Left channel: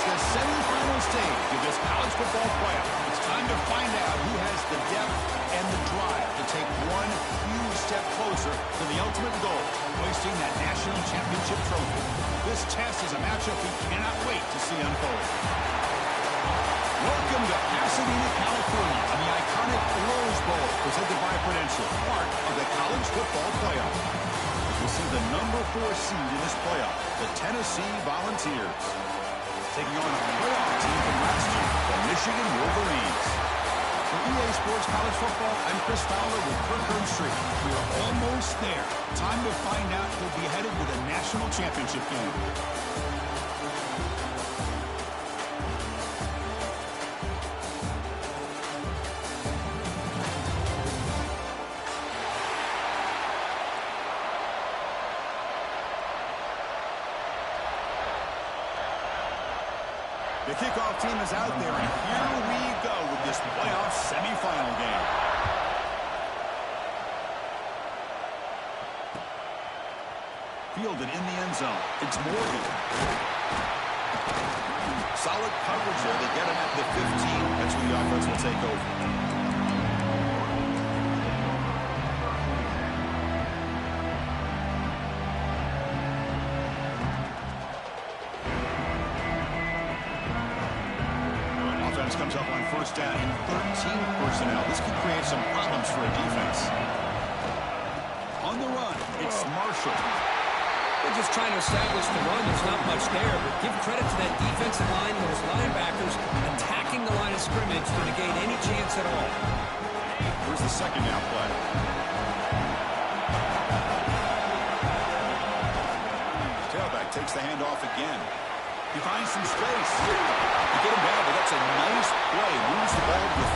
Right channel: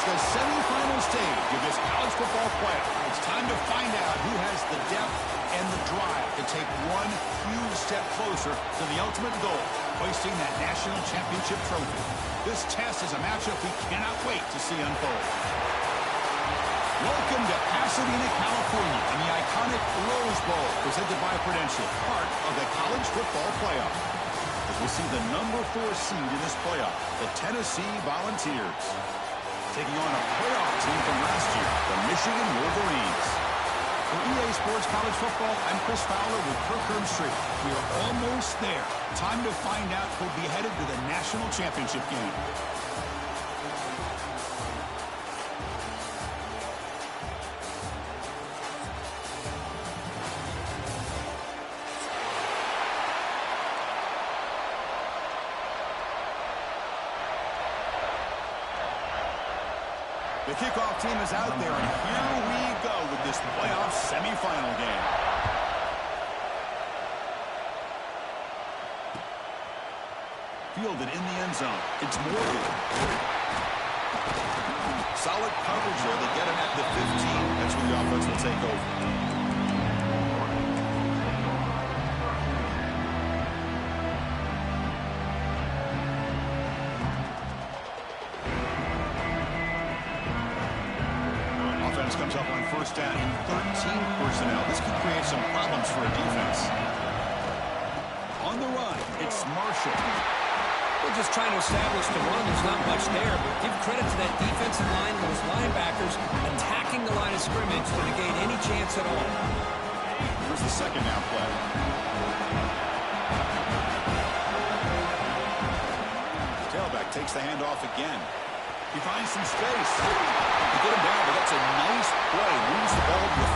It's the semifinal stage of this college football playoff. It's time to find out who has the depth and the drive to take one huge step closer to the ultimate goal, hoisting that national championship trophy. This test is a matchup we cannot wait to see unfold. Welcome to Pasadena, California, and the iconic Rose Bowl, presented by Prudential, part of the college football playoff. As we'll see the number 4 seed in this playoff, the Tennessee Volunteers, taking on a playoff team from last year, the Michigan Wolverines. For EA Sports College Football, I'm Chris Fowler with Kirk Herbstreit. We are almost there. Time to find out who'll be headed to the national championship game. The kickoff team is out there, and here we go with this playoff semifinal game. Fielded in the end zone. It's Morgan. Solid coverage there. They get him at the 15. That's where the offense will take over. Comes up on first down in 13 personnel. This could create some problems for a defense. On the run, it's Marshall. They're just trying to establish the run. There's not much there, but give credit to that defensive line and those linebackers attacking the line of scrimmage to negate any chance at all. Here's the second down play. Tailback takes the handoff again. He finds some space. You get him down, but that's a nice play. Moves the ball to the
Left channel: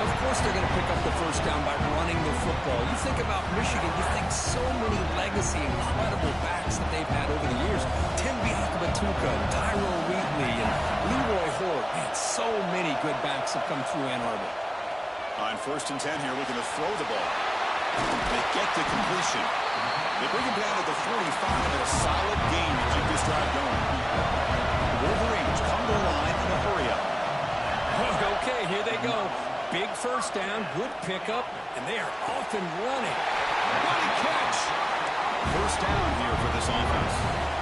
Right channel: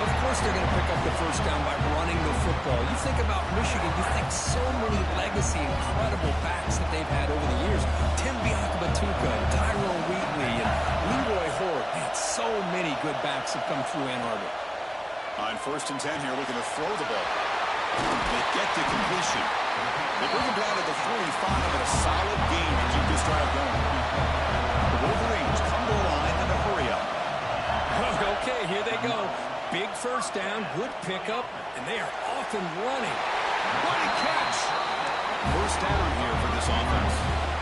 33. Of course they're going to pick up the first down by running the football. You think about Michigan, you think so many legacy, incredible backs that they've had over the years. Tim Biakabatuka and Tyrone Wheatley and Leroy Hort. Man, so many good backs have come through Ann Arbor. On first and 10 here, looking to throw the ball. They get to completion. They bring him down to the 45 and a solid gain to keep this drive going. The Wolverines come to the line in a hurry up. Okay, here they go. Big first down, good pickup, and they are off and running. What a catch! First down here for this offense.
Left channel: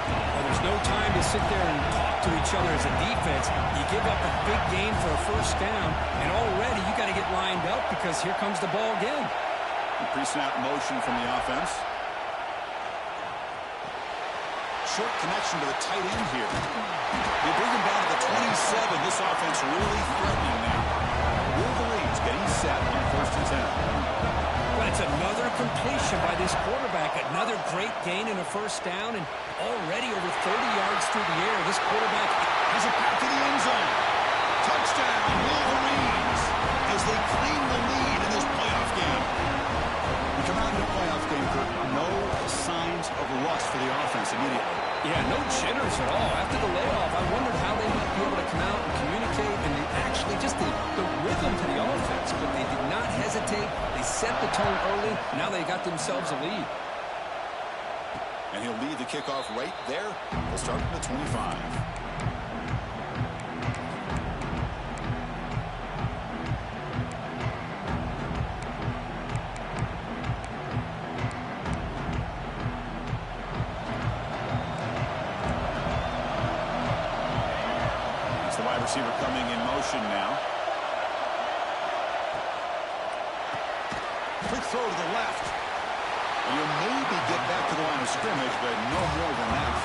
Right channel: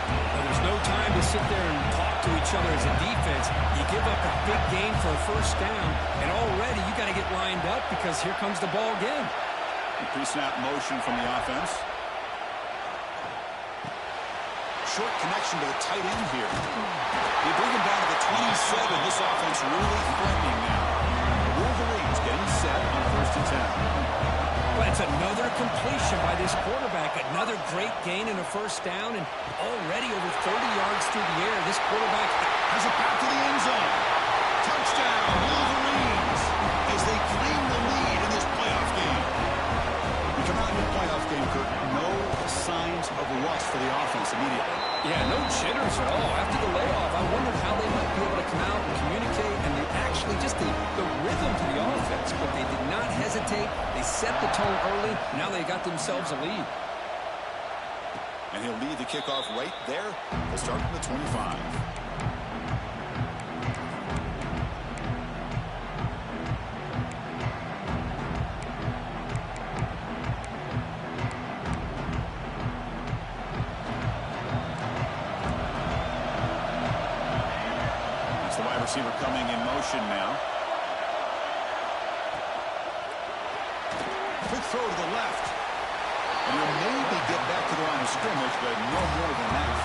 Well, there's no time to sit there and talk to each other as a defense. You give up a big gain for a first down, and already you got to get lined up because here comes the ball again. Pre-snap motion from the offense. Short connection to the tight end here. They bring him down to the 27. This offense really threatening now. Wolverines getting set on first and 10. Well, it's another completion by this quarterback. Another great gain in a first down, and already over 30 yards through the air. This quarterback has a path to the end zone. Touchdown, Wolverines, as they claim the lead in this playoff game. We come out in the playoff game, Kirk. No signs of rust for the offense immediately. Yeah, no jitters at all. After the layoff, I wondered how they might be able to come out and communicate, and they actually just the rhythm to the offense. But they did not hesitate. They set the tone early. Now they got themselves a lead. And he'll lead the kickoff right there. They'll start from the 25. Receiver coming in motion now. Quick throw to the left. And he'll maybe get back to the line of scrimmage, but no more than that.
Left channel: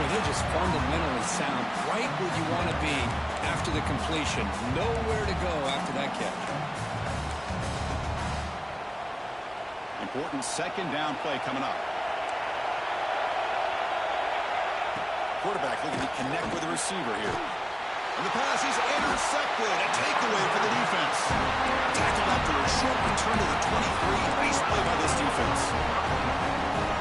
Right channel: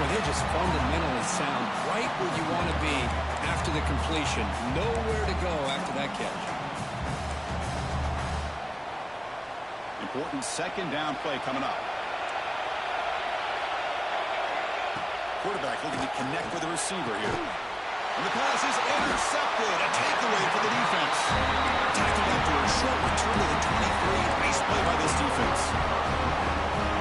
Well, they're just fundamentally sound, right where you want to be after the completion. Nowhere to go after that catch. Important second down play coming up. Quarterback looking to connect with the receiver here. And the pass is intercepted. A takeaway for the defense. Tackled after a short return to the 23. Nice play by this defense.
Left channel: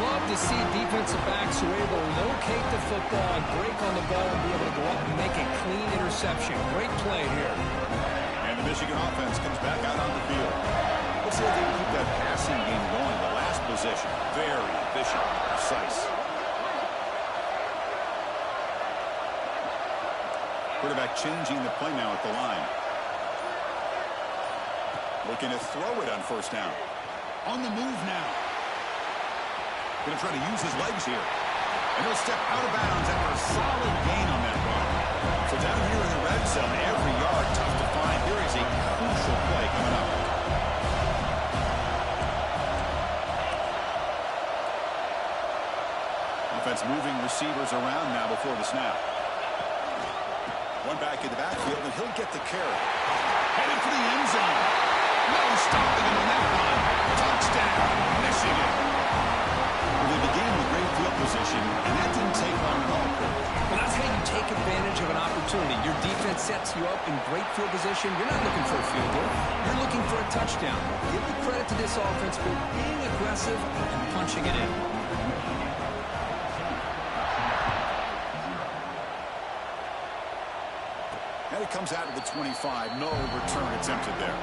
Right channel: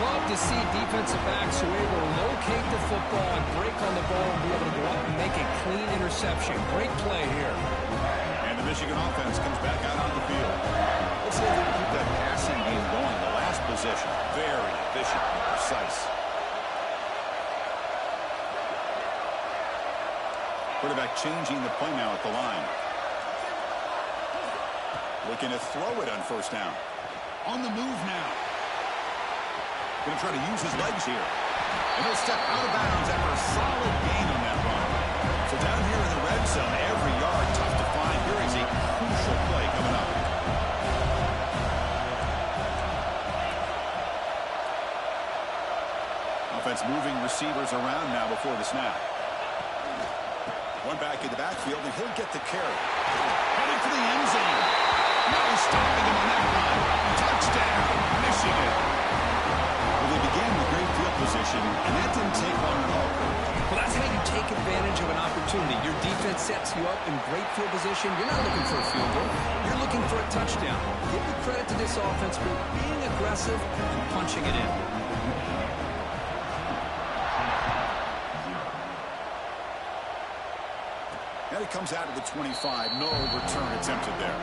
Love to see defensive backs who are able to locate the football and break on the ball and be able to go up and make a clean interception. Great play here. And the Michigan offense comes back out on the field. Let's see if they can keep that passing game going. The last possession, very efficient and precise. Quarterback changing the play now at the line. Looking to throw it on first down. On the move now. Going to try to use his legs here. And he'll step out of bounds after a solid gain on that run. So down here in the red zone, every yard tough to find. Here is a crucial play coming up. Offense moving receivers around now before the snap. One back in the backfield, and he'll get the carry. Headed for the end zone. No stopping him on that one. Touchdown, Michigan. Well, they began with great field position, and that didn't take long at all, Kurt. Well, that's how you take advantage of an opportunity. Your defense sets you up in great field position. You're not looking for a field goal. You're looking for a touchdown. Give the credit to this offense for being aggressive and punching it in. And it comes out of the 25. No return attempted there.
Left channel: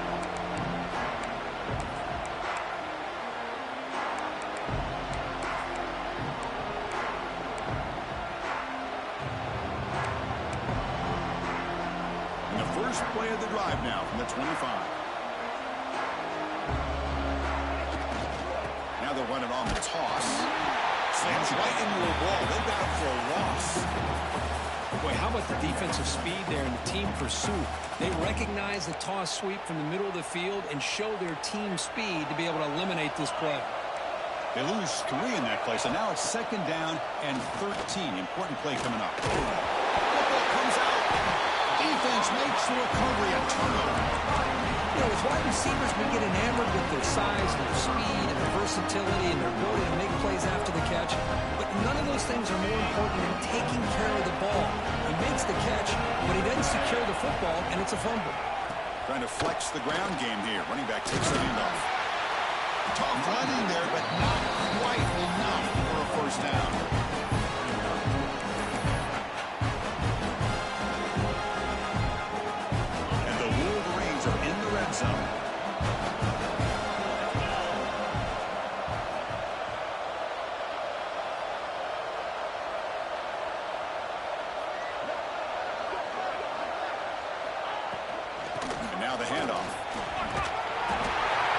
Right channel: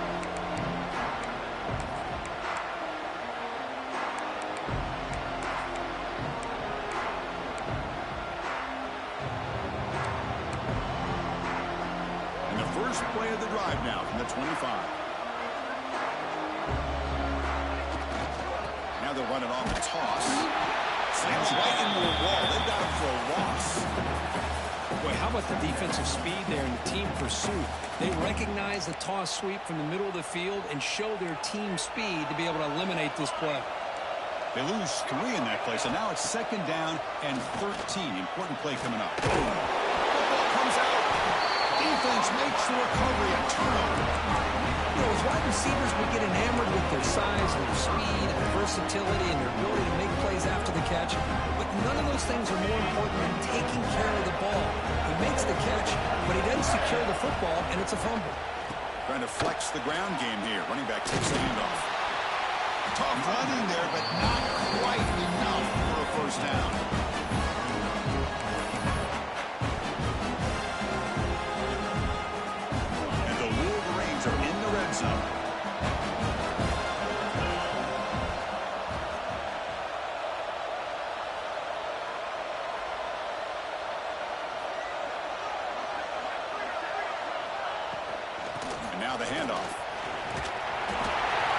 And the first play of the drive now from the 25. Now they'll run it on the toss. Slams right into a wall. They've got him for a loss. Boy, how about the defensive speed there and the team pursuit? They recognize the toss sweep from the middle of the field and show their team speed to be able to eliminate this play. They lose 3 in that play, so now it's second down and 13. Important play coming up. Football comes out. Defense makes the recovery, a turnover. You know, as wide receivers, we get enamored with their size, their speed, and their versatility, and their ability to make plays after the catch. But none of those things are more important than taking care of the ball. He makes the catch, but he doesn't secure the football, and it's a fumble. Trying to flex the ground game here. Running back takes the handoff. Tough running there, but not quite enough for a first down. And the Wolverines are in the red zone. And now the handoff.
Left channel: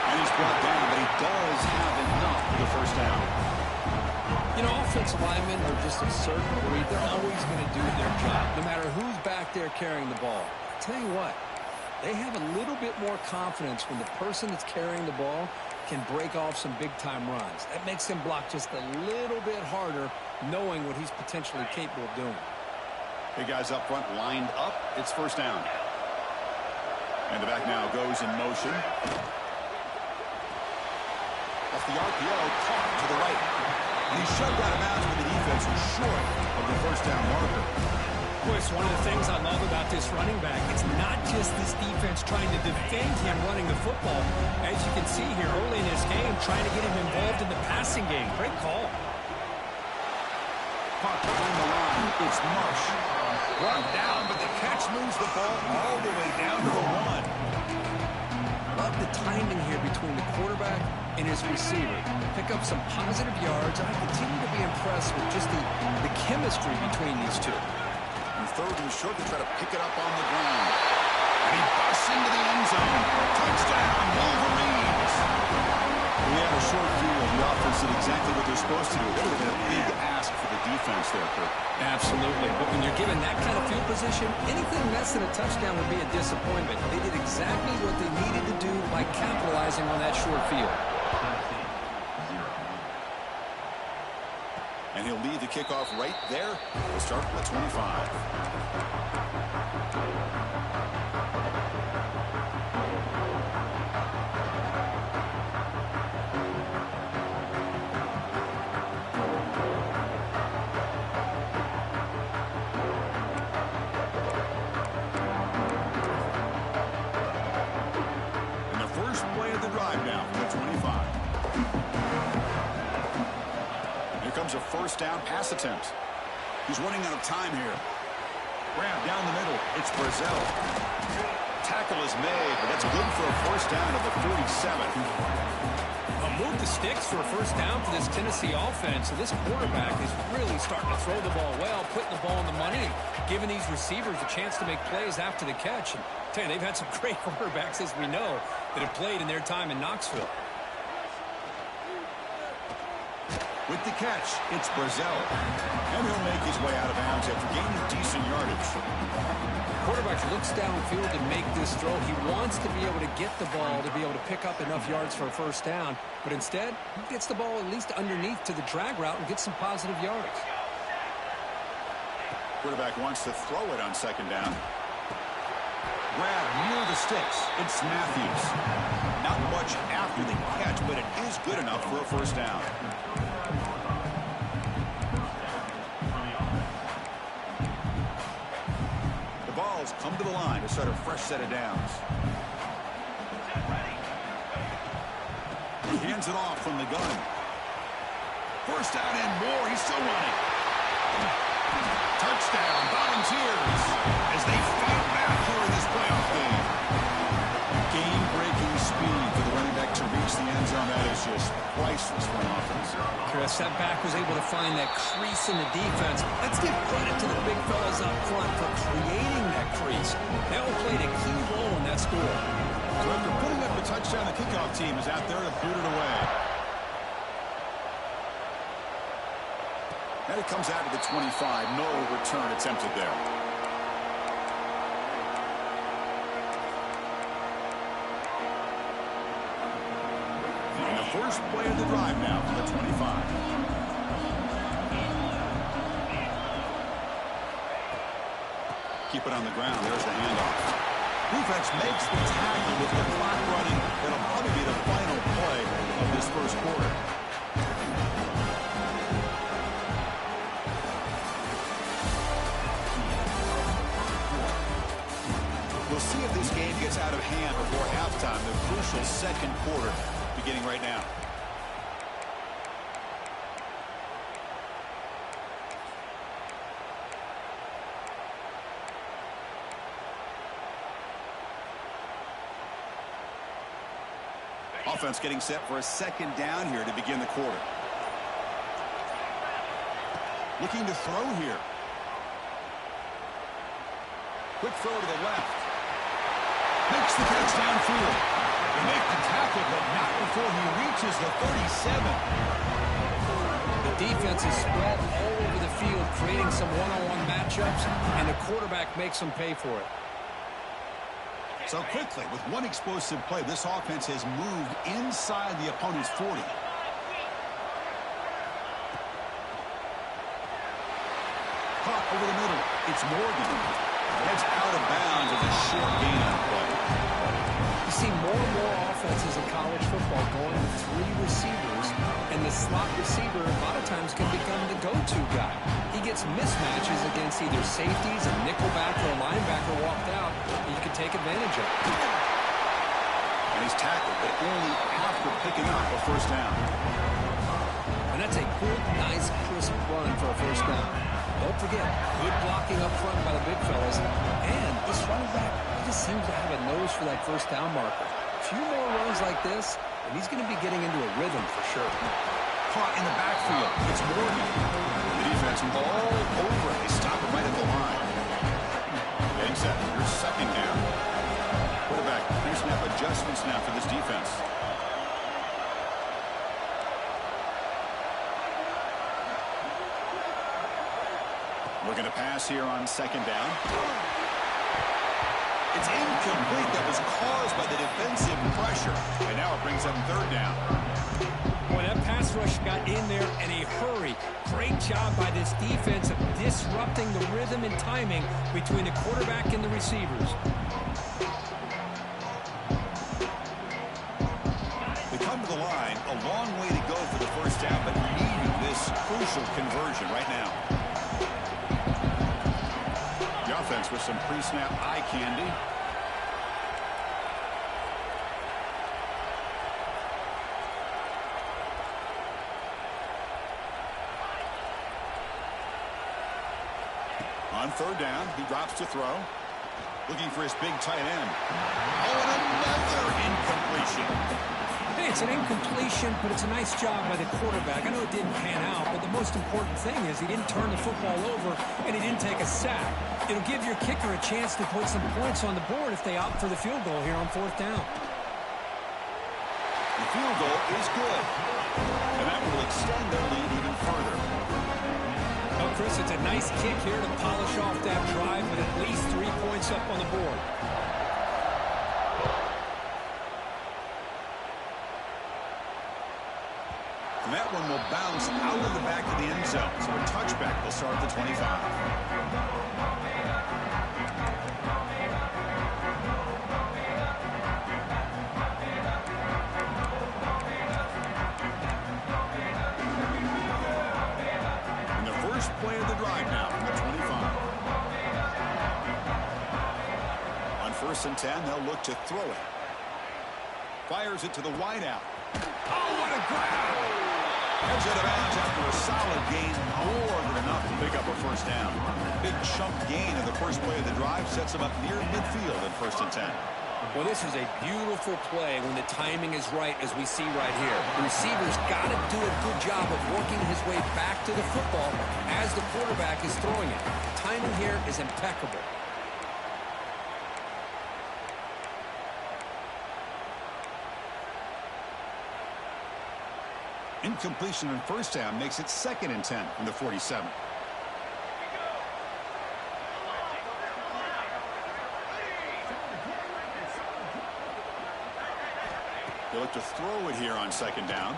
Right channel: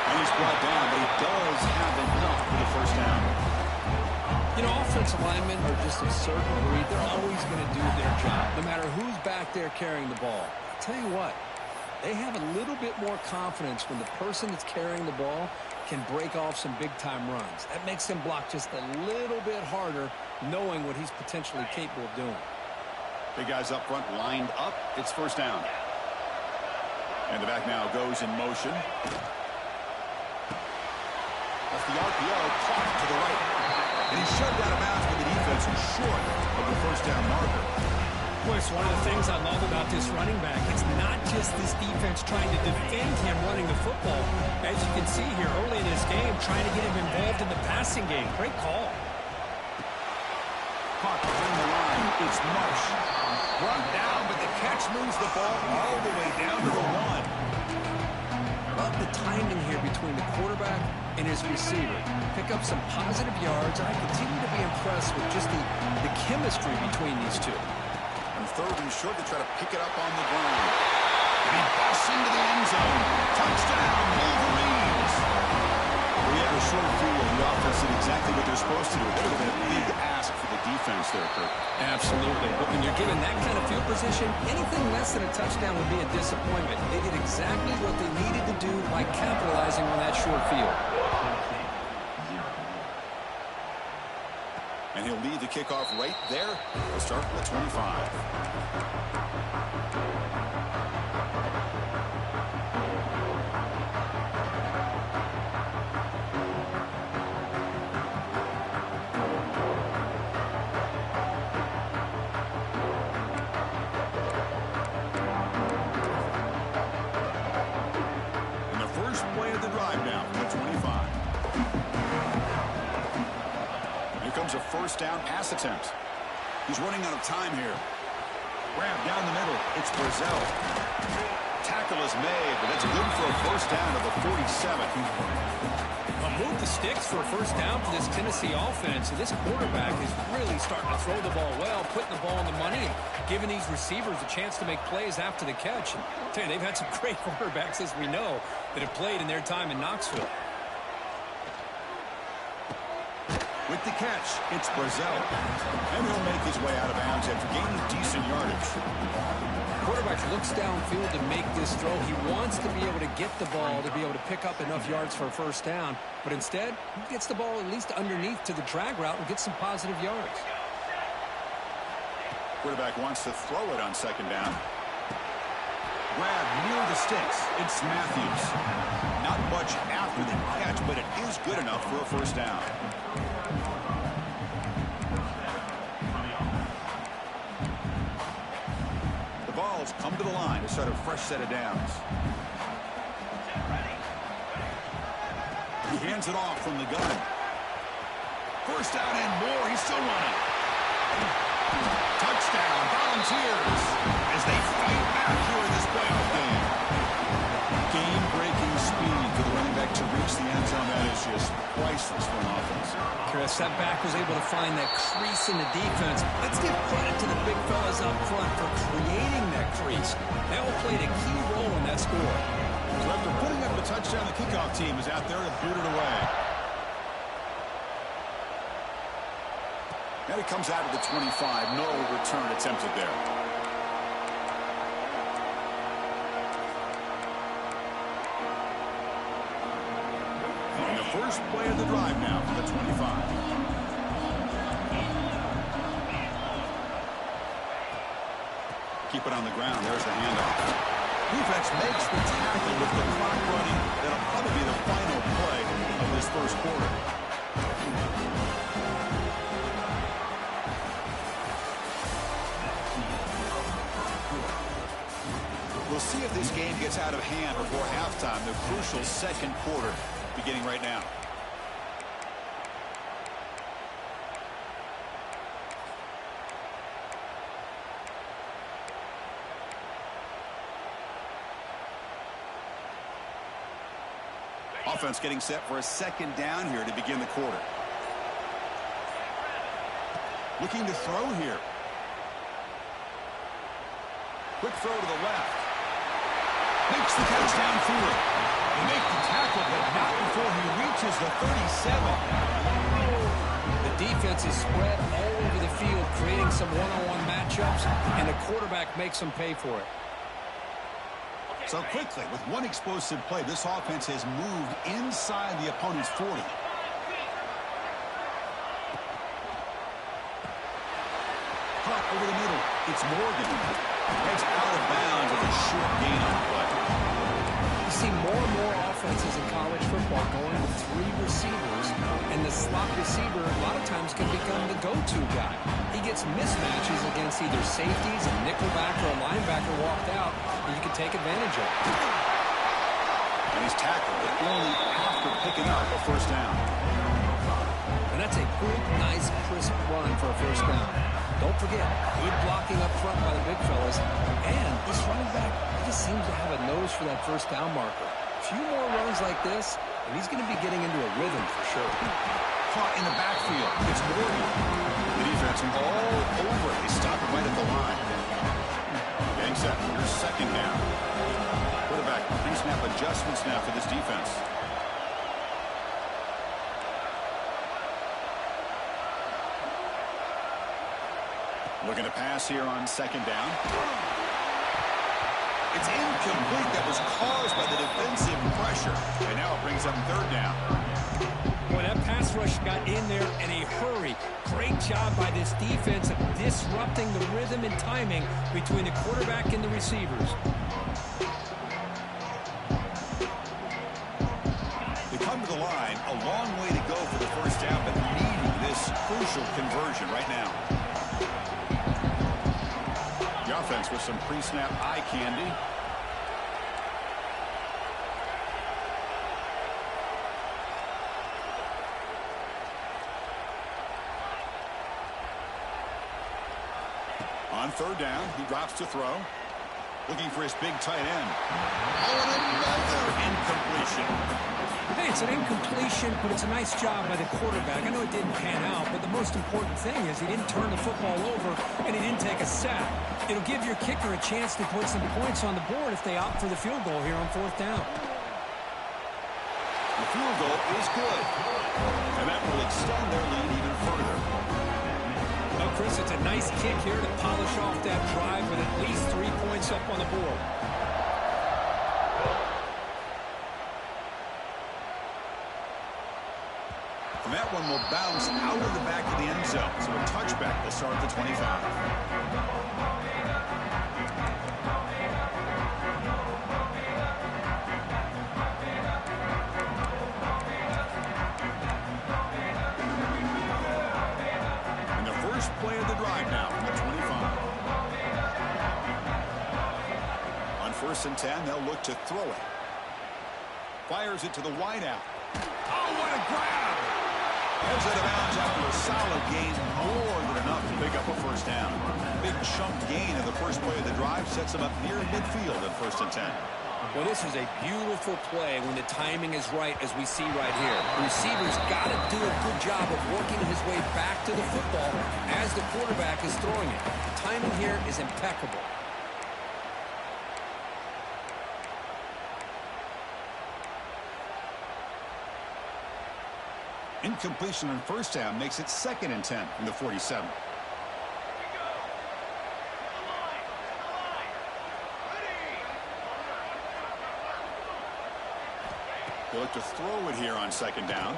And he's brought down, but he does have enough for the first down. You know, offensive linemen are just a certain breed. They're always going to do their job, no matter who's back there carrying the ball. I tell you what, they have a little bit more confidence when the person that's carrying the ball can break off some big-time runs. That makes them block just a little bit harder, knowing what he's potentially capable of doing. Big guys up front lined up. It's first down. And the back now goes in motion. Off the RPO, caught to the right. And he's shoved out of bounds with the defense and short of the first down marker. Boy, it's one of the things I love about this running back. It's not just this defense trying to defend him running the football. As you can see here early in this game, trying to get him involved in the passing game. Great call. Caught behind the line. It's Marsh. Brought down, but the catch moves the ball all the way down to the 1. Love the timing here between the quarterback and his receiver. Pick up some positive yards, and I continue to be impressed with just the chemistry between these two. And third and short, they try to pick it up on the ground. And he busts into the end zone. Touchdown, Wolverines. We had a short field. The offense did exactly what they're supposed to do. That would have been a big ask for the defense there, Kurt. Absolutely. But when you're given that kind of field position, anything less than a touchdown would be a disappointment. They did exactly what they needed to do by capitalizing on that short field. And he'll lead the kickoff right there. We'll start with 25. A first down pass attempt. He's running out of time here. Grab down the middle. It's Brazil. tackle is made, but that's good for a first down at the 47. Move the sticks for a first down for this Tennessee offense. And this quarterback is really starting to throw the ball well, putting the ball on the money, and giving these receivers a chance to make plays after the catch. And I tell you, they've had some great quarterbacks, as we know, that have played in their time in Knoxville. With the catch, it's Brazzell. And he'll make his way out of bounds after gaining decent yardage. Quarterback looks downfield to make this throw. He wants to be able to get the ball to be able to pick up enough yards for a first down. But instead, he gets the ball at least underneath to the drag route and gets some positive yards. Quarterback wants to throw it on second down. Grab near the sticks. It's Matthews. Not much after the catch, but it is good enough for a first down. The Vols come to the line to start a fresh set of downs. He hands it off from the gun. First down and more. He's still running. Touchdown, Volunteers, as they fight back here in this playoff game. Game-breaking speed for the running back to reach the end zone. That is just priceless for an offense. Chris, that back was able to find that crease in the defense. Let's give credit to the big fellas up front for creating that crease. They all played a key role in that score. So after putting up a touchdown, the kickoff team is out there to boot it away. And it comes out of the 25. No return attempted there. And the first play of the drive now for the 25. Keep it on the ground. There's the handoff. Defense makes the tackle with the clock running. That'll probably be the final play of this first quarter. We'll see if this game gets out of hand before halftime. The crucial second quarter beginning right now. Offense getting set for a second down here to begin the quarter. Looking to throw here. Quick throw to the left. Makes the catch downfield. They make the tackle, but not before he reaches the 37. The defense is spread all over the field, creating some one-on-one matchups, and the quarterback makes them pay for it. So quickly, with one explosive play, this offense has moved inside the opponent's 40. Caught over the middle. It's Morgan. Heads out of bounds with a short gain on play. You see more and more offenses in college football going with three receivers, and the slot receiver a lot of times can become the go-to guy. He gets mismatches against either safeties, a nickelback, or a linebacker walked out, and you can take advantage of it. And he's tackled, but only after picking up a first down. And that's a good, nice, crisp run for a first down. Don't forget, good blocking up front by the big fellas. And this running back, he just seems to have a nose for that first down marker. A few more runs like this, and he's going to be getting into a rhythm for sure. Caught in the backfield. It's Morgan. The defense all over it. They stop him right at the line. Getting set. Here's second down. Quarterback pre-snap adjustments now for this defense. Looking to pass here on second down. It's incomplete. That was caused by the defensive pressure. And now it brings up third down. Boy, that pass rush got in there in a hurry. Great job by this defense of disrupting the rhythm and timing between the quarterback and the receivers. They come to the line. A long way to go for the first down, but needing this crucial conversion right now. The offense with some pre-snap eye candy. On third down, he drops to throw. Looking for his big tight end. Oh, and another incompletion. Hey, it's an incompletion, but it's a nice job by the quarterback. I know it didn't pan out, but the most important thing is he didn't turn the football over and he didn't take a sack. It'll give your kicker a chance to put some points on the board if they opt for the field goal here on 4th down. The field goal is good, and that will extend their lead even further. Well, Chris, it's a nice kick here to polish off that drive with at least 3 points up on the board. And that one will bounce out of the back of the end zone. So a touchback will start at the 25. And the first play of the drive now from the 25. On 1st and 10, they'll look to throw it. Fires it to the wideout. Oh, what a grab! Heads out of bounds after a solid gain, more than enough to pick up a 1st down. Big chunk gain in the first play of the drive sets him up near midfield at 1st and 10. Well, this is a beautiful play when the timing is right, as we see right here. The receiver's got to do a good job of working his way back to the football as the quarterback is throwing it. The timing here is impeccable. Incompletion on 1st down makes it 2nd and 10 from the 47. They look to throw it here on 2nd down.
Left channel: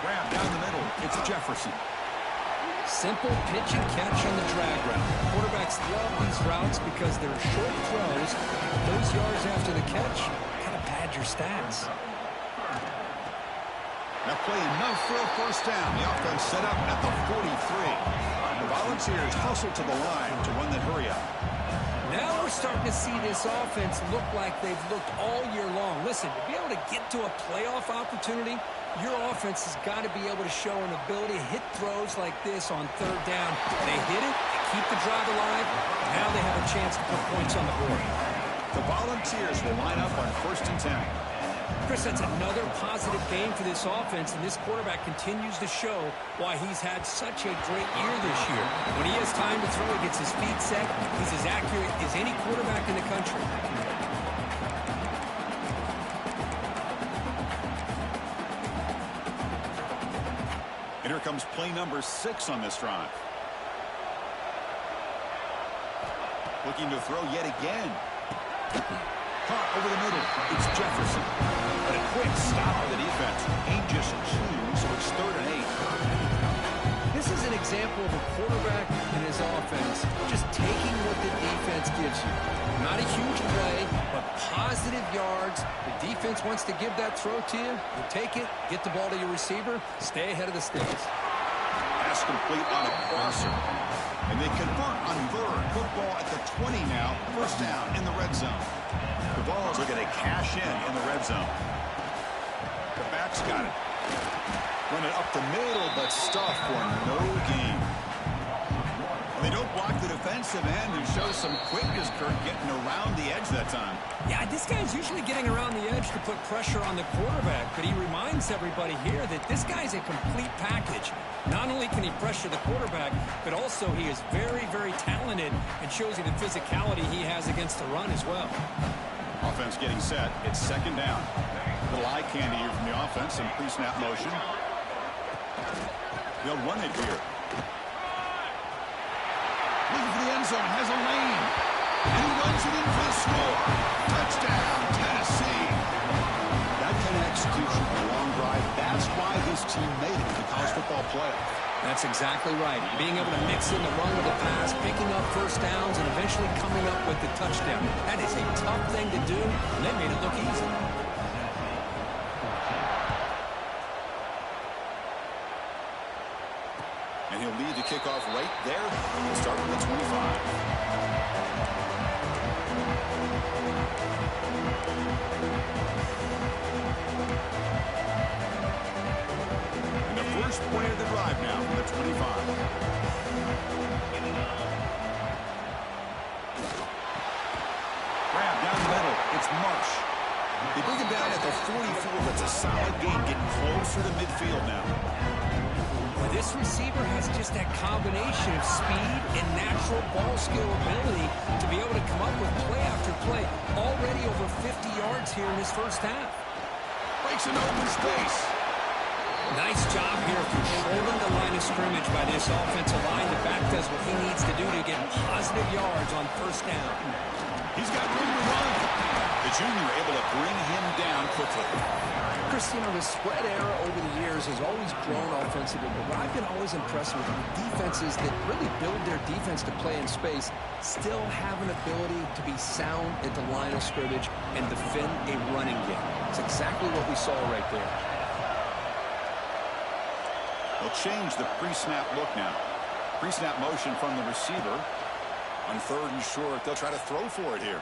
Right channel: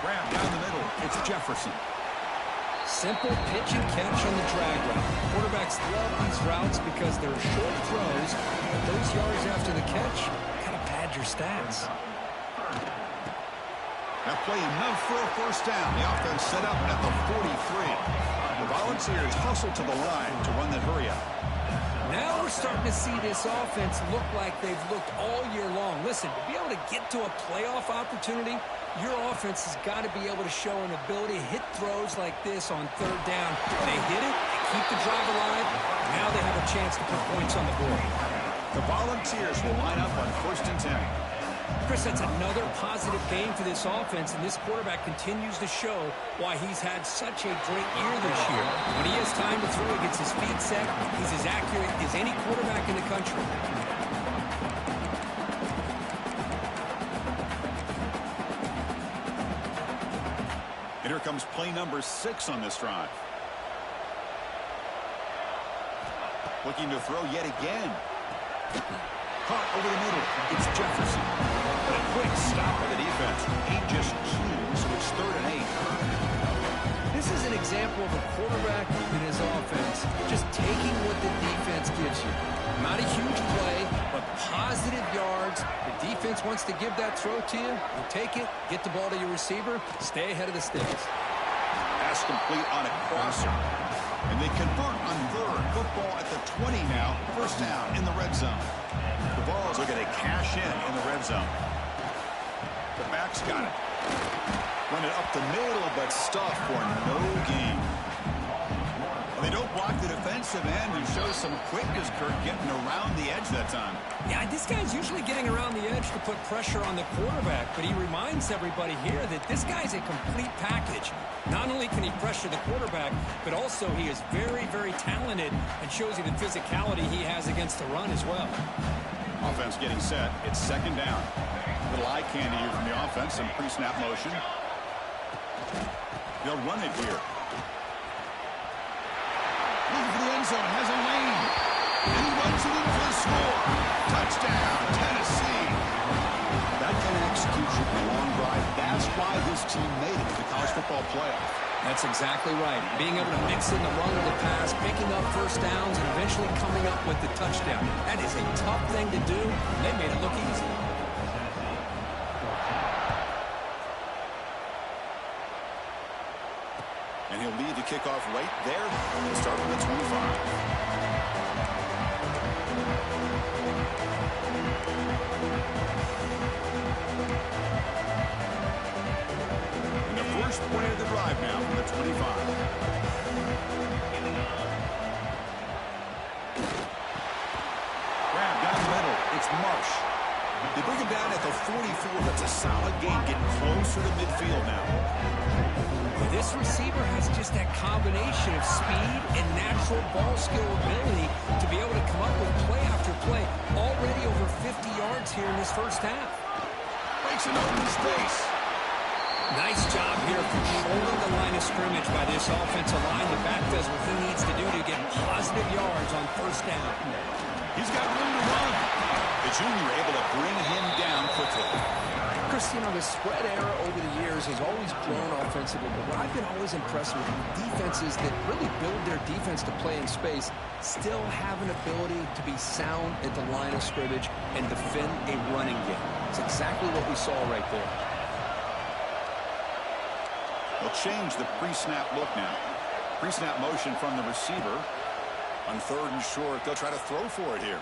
Grab down the middle. It's Jefferson. Simple pitch and catch on the drag route. Quarterbacks love these routes because they're short throws, but those yards after the catch kind of pad your stats. Now play enough for a 1st down. The offense set up at the 43. The Volunteers hustle to the line to run that hurry up. Now we're starting to see this offense look like they've looked all year long. Listen, to be able to get to a playoff opportunity, your offense has got to be able to show an ability to hit throws like this on 3rd down. They hit it, they keep the drive alive. Now they have a chance to put points on the board. The Volunteers will line up on 1st and 10. Chris, that's another positive game for this offense, and this quarterback continues to show why he's had such a great year this year. When he has time to throw, he gets his feet set. He's as accurate as any quarterback in the country. And here comes play number 6 on this drive. Looking to throw yet again. Caught over the middle. It's Jefferson. But a quick stop by the defense. Ain't just 2, so it's 3rd and 8. This is an example of a quarterback and his offense just taking what the defense gives you. Not a huge play, but positive yards. The defense wants to give that throw to you. You take it, get the ball to your receiver, stay ahead of the sticks. Pass complete on a crosser. And they convert on 3rd. Football at the 20 now. 1st down in the red zone. The Vols looking to cash in the red zone. The back's got it. Run it up the middle, but stuffed for no gain. Well, they don't block the defensive end and show some quickness, Kirk, getting around the edge that time. Yeah, this guy's usually getting around the edge to put pressure on the quarterback, but he reminds everybody here that this guy's a complete package. Not only can he pressure the quarterback, but also he is very, very talented and shows you the physicality he has against the run as well. Offense getting set. It's 2nd down. Little eye candy here from the offense. Some pre-snap motion. They'll run it here. Looking for the end zone. Has a lane. And he runs it in for the score. Touchdown, Tennessee. That kind of execution for a long drive. That's why this team made it to the college football playoff. That's exactly right. Being able to mix in the run with the pass, picking up 1st downs, and eventually coming up with the touchdown. That is a tough thing to do, and they made it look easy. And he'll lead the kickoff right there and start with the 25. And the first play of the drive now from the 25. It's Marsh. They bring him down at the 44. That's a solid gain, getting closer to midfield now. Well, this receiver has just that combination of speed and natural ball skill ability to be able to come up with play after play. Already over 50 yards here in this first half. Breaks an open space. Nice job here controlling the line of scrimmage by this offensive line. The back does what he needs to do to get positive yards on first down. He's got room to run. The junior able to bring him down quickly. Chris, you know, the spread era over the years has always grown offensively, but what I've been always impressed with defenses that really build their defense to play in space still have an ability to be sound at the line of scrimmage and defend a running game. It's exactly what we saw right there. They'll change the pre-snap look now. Pre-snap motion from the receiver. On third and short, they'll try to throw for it here.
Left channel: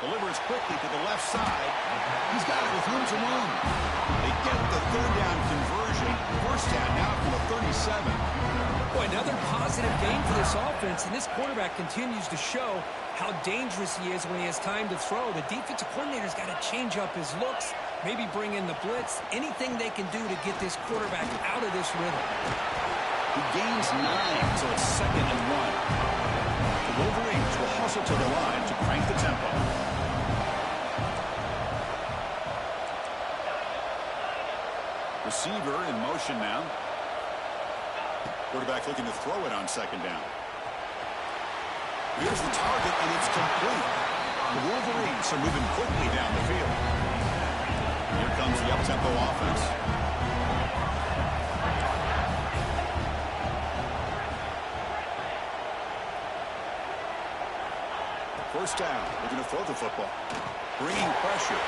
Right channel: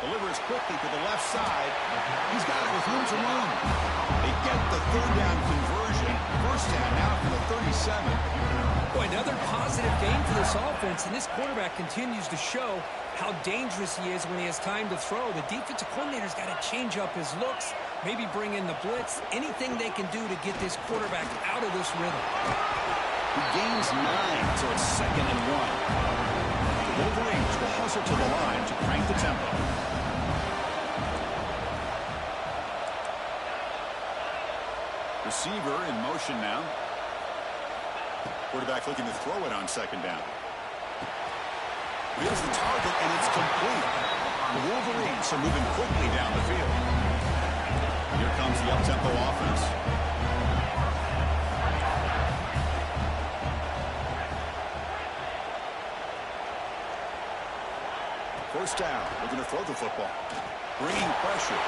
Delivers quickly to the left side. He's got it with room to run. They get the third down conversion. First down now from the 37. Boy, another positive game for this offense, and this quarterback continues to show how dangerous he is when he has time to throw. The defensive coordinator's got to change up his looks, maybe bring in the blitz, anything they can do to get this quarterback out of this rhythm. He gains 9, so it's 2nd and 1. The Wolverines will hustle to the line to crank the tempo. Receiver in motion now. Quarterback looking to throw it on 2nd down. Here's the target, and it's complete. The Wolverines are moving quickly down the field. Here comes the up-tempo offense. First down, looking to throw the football. Bringing pressure.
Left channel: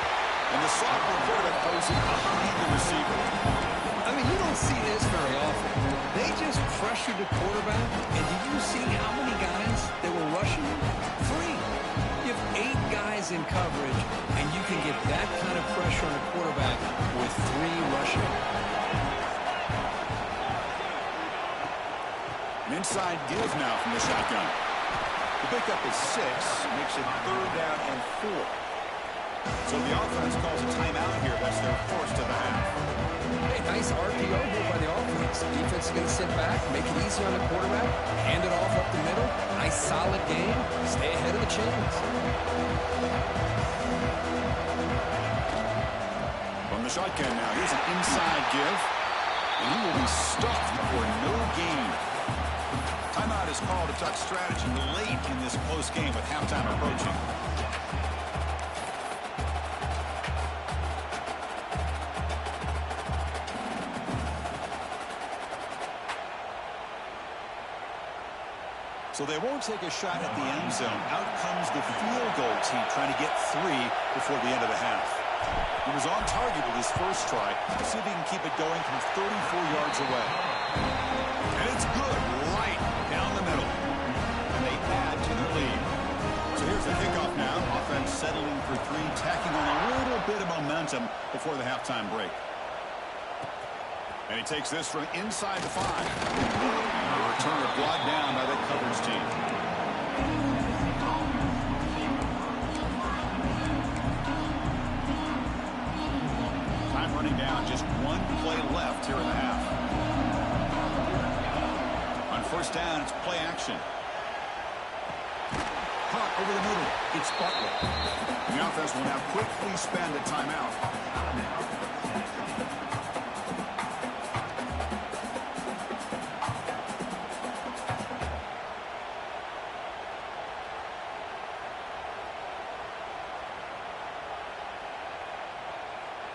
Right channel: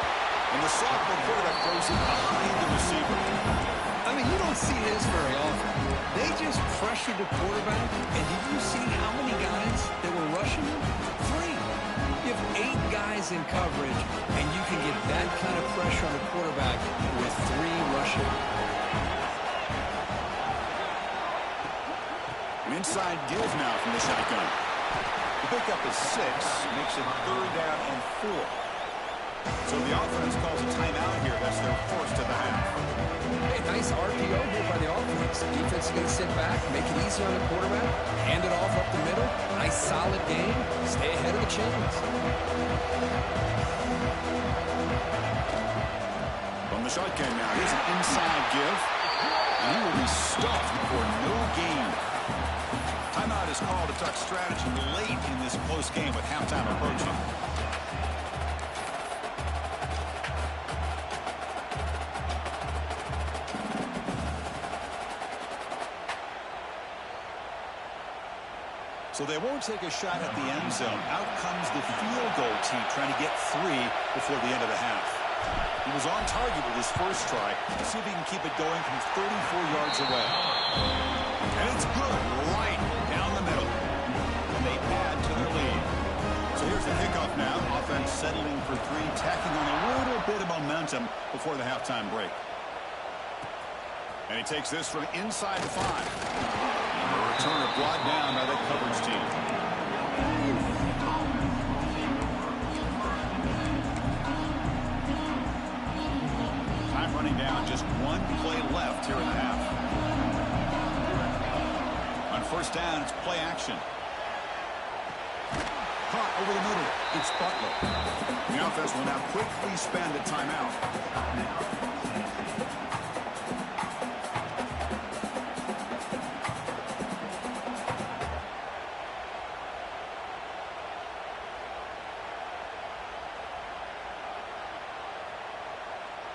And the sophomore quarterback throws it behind the receiver. I mean, you don't see this very often. They just pressured the quarterback, and did you see how many guys that were rushing him? 3. You have 8 guys in coverage, and you can get that kind of pressure on a quarterback with 3 rushing. An inside give now from the shotgun. The pickup is 6, makes it 3rd down and 4. So the offense calls a timeout here. That's their first of the half. Hey, nice RPO here by the offense. Defense is going to sit back, make it easy on the quarterback, hand it off up the middle. Nice solid game. Stay ahead of the chains. From the shotgun now, here's an inside give. And he will be stuffed for no gain. Timeout is called to talk strategy late in this close game with halftime approaching. So they won't take a shot at the end zone. Out comes the field goal team trying to get 3 before the end of the half. He was on target with his first try. Let's see if he can keep it going from 34 yards away. And it's good right down the middle. And they add to their lead. So here's the kickoff now. Offense settling for 3, tacking on a little bit of momentum before the halftime break. And he takes this from inside the 5. And the returner brought down by that coverage team. Time running down, just 1 play left here in the half. On first down, it's play action. Caught over the middle. It's Butler. The offense will now quickly spend a timeout.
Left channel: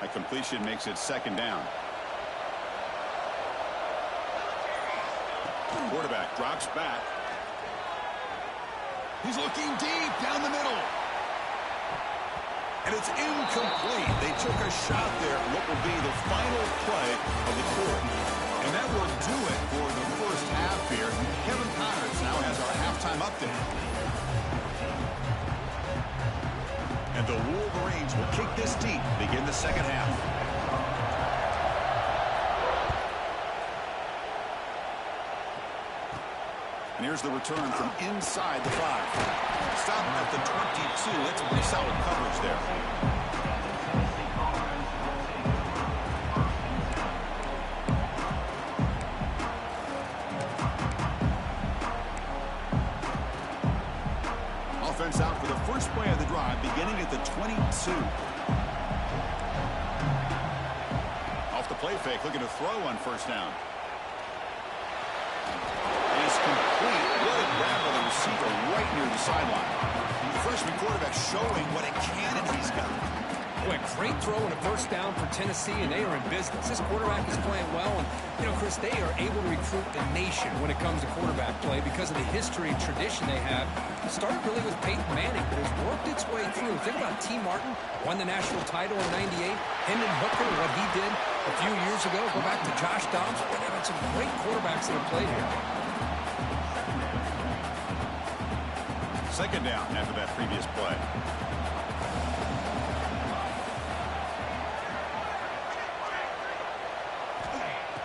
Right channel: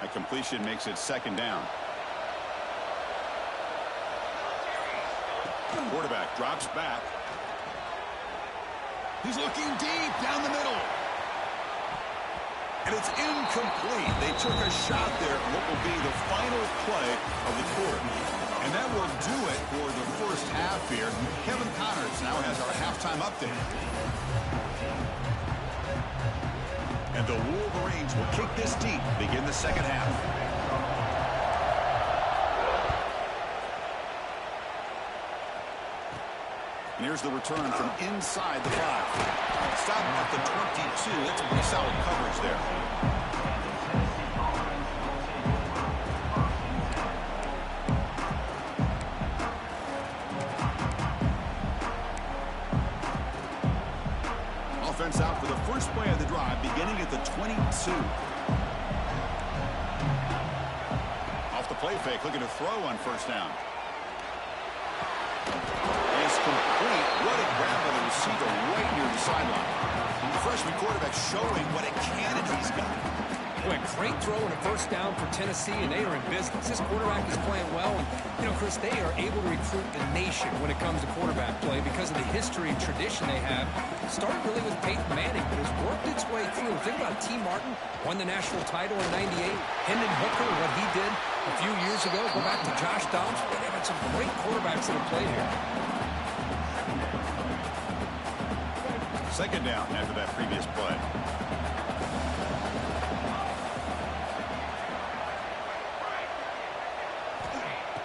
A completion makes it 2nd down. Quarterback drops back. He's looking deep down the middle. And it's incomplete. They took a shot there at what will be the final play of the quarter. And that will do it for the first half here. Kevin Connors now has our halftime update. And the Wolverines will kick this deep, begin the second half. And here's the return from inside the 5. Stop at the 2. That's a pretty solid coverage there. Offense out for the first play of the drive, beginning at the 22. Off the play fake, looking to throw on first down. And it's complete. What a grab by the receiver right near the sideline. The freshman quarterback showing what a cannon he's got. Boy, a great throw and a first down for Tennessee, and they are in business. This quarterback is playing well, and, you know, Chris, they are able to recruit the nation when it comes to quarterback play because of the history and tradition they have. Started really with Peyton Manning, but has worked its way through. Think about T. Martin, won the national title in '98. Hendon Hooker, what he did a few years ago. Go back to Josh Dobbs. But they've had some great quarterbacks that have played here. Second down after that previous play.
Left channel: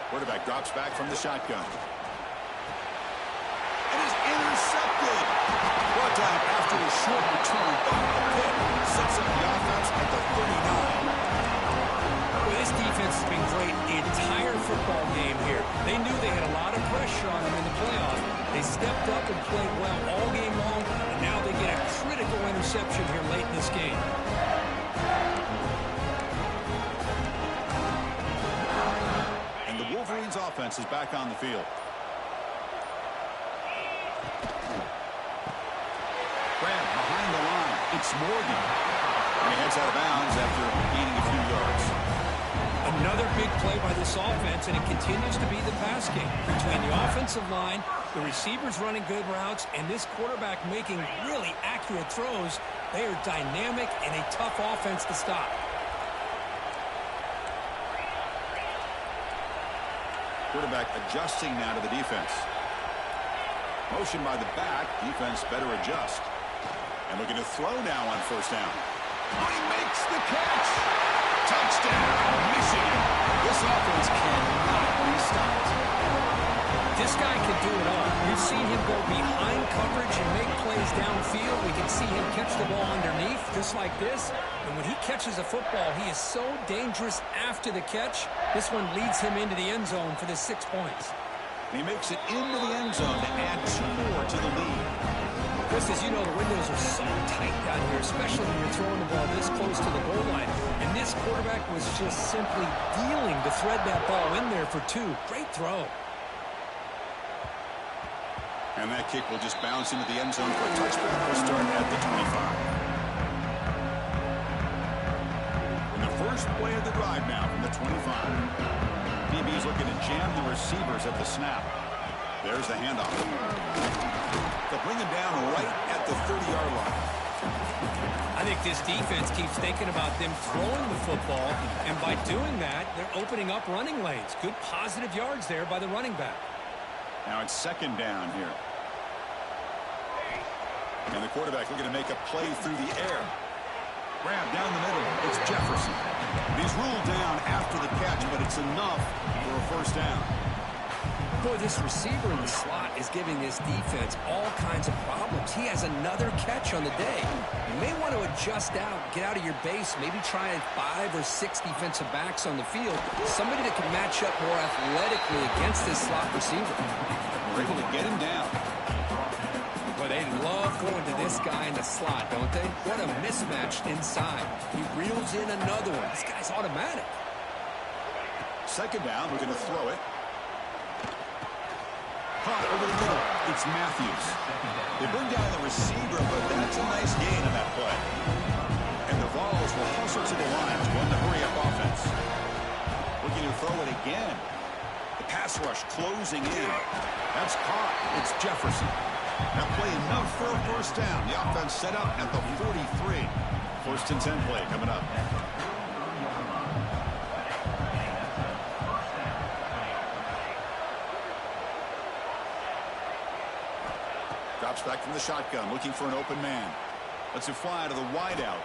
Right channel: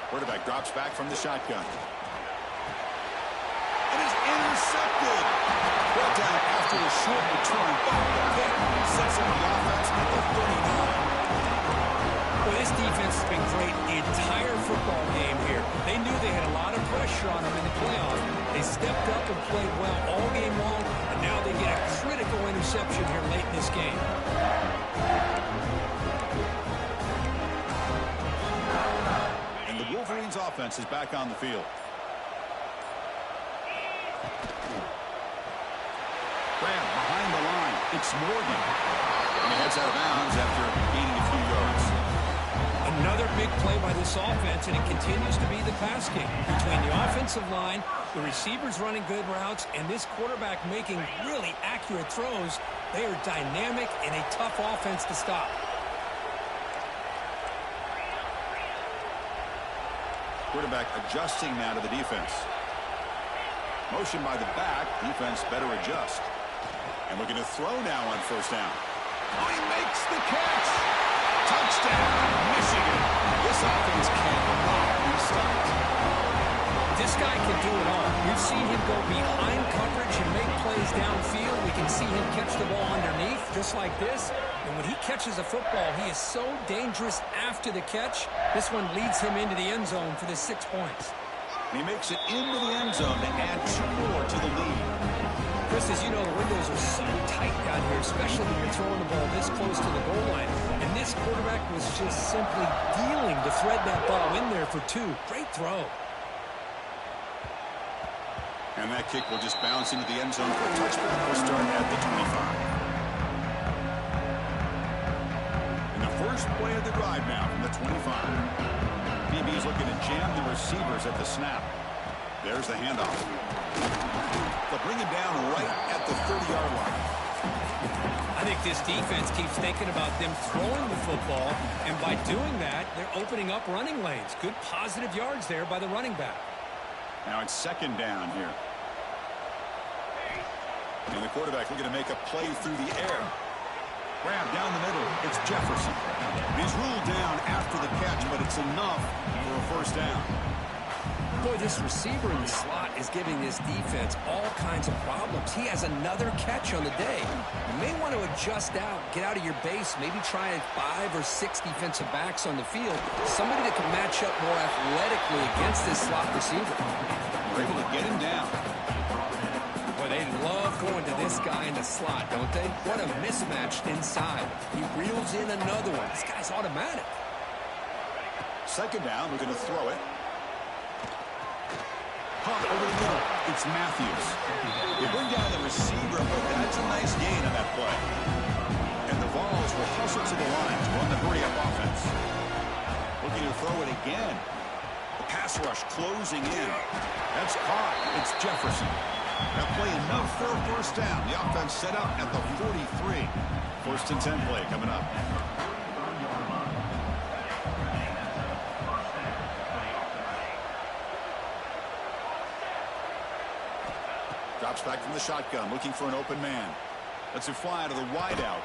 Quarterback drops back from the shotgun. And is intercepted. Brought down after a short return, but the pick sets up the offense at the 39. Well, this defense has been great the entire football game here. They knew they had a lot of pressure on them in the playoff. They stepped up and played well all game long, and now they get a critical interception here late in this game. And the Wolverines offense is back on the field. Grab behind the line. It's Morgan. And he heads out of bounds after gaining a few yards. Another big play by this offense, and it continues to be the pass game. Between the offensive line, the receivers running good routes, and this quarterback making really accurate throws, they are dynamic and a tough offense to stop. Quarterback adjusting now to the defense. Motion by the back. Defense better adjust. And looking to throw now on first down. Oh, he makes the catch. Touchdown, Michigan. This offense cannot be stopped. This guy can do it all. We've seen him go behind coverage and make plays downfield. We can see him catch the ball underneath, just like this. And when he catches a football, he is so dangerous after the catch. This one leads him into the end zone for the 6 points. And he makes it into the end zone to add 2 more to the lead. Chris, as you know, the windows are so tight down here, especially when you're throwing the ball this close to the goal line. And this quarterback was just simply dealing to thread that ball in there for 2. Great throw. And that kick will just bounce into the end zone for a touchback. We'll start at the 25. In the first play of the drive now from the 25. DB's looking to jam the receivers at the snap. There's the handoff. They'll bring him down right at the 30-yard line. I think this defense keeps thinking about them throwing the football, and by doing that, they're opening up running lanes. Good positive yards there by the running back. Now it's second down here. And the quarterback looking to make a play through the air. Grab down the middle. It's Jefferson. He's ruled down after the catch, but it's enough for a first down. Boy, this receiver in the slot is giving this defense all kinds of problems. He has another catch on the day. You may want to adjust out, get out of your base, maybe try 5 or 6 defensive backs on the field. Somebody that can match up more athletically against this slot receiver. We're able to get him down. Boy, they love going to this guy in the slot, don't they? What a mismatch inside. He reels in another one. This guy's automatic. Second down, we're going to throw it. Pump over the middle. It's Matthews. They bring down the receiver, but that's a nice gain on that play. And the Vols will hustle to the line to run the hurry-up offense. Looking to throw it again. The pass rush closing in. That's caught. It's Jefferson. That play enough for a first down. The offense set up at the 43. First and 10 play coming up. Drops back from the shotgun, looking for an open man. Lets it fly to the wideout.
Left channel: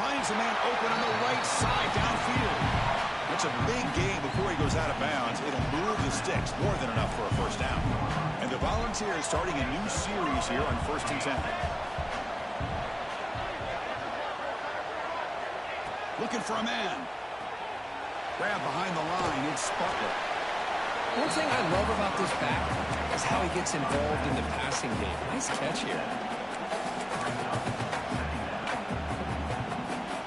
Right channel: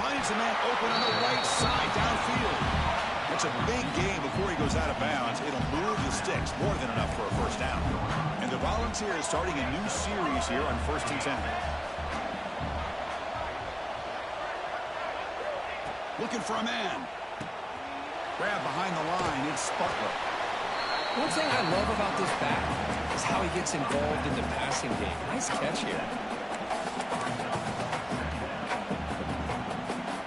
Finds a man open on the right side downfield. It's a big gain before he goes out of bounds. It'll move the sticks, more than enough for a first down. And the Volunteers starting a new series here on 1st and 10. Looking for a man. Grab behind the line. It's Butler. One thing I love about this back is how he gets involved in the passing game. Nice catch here.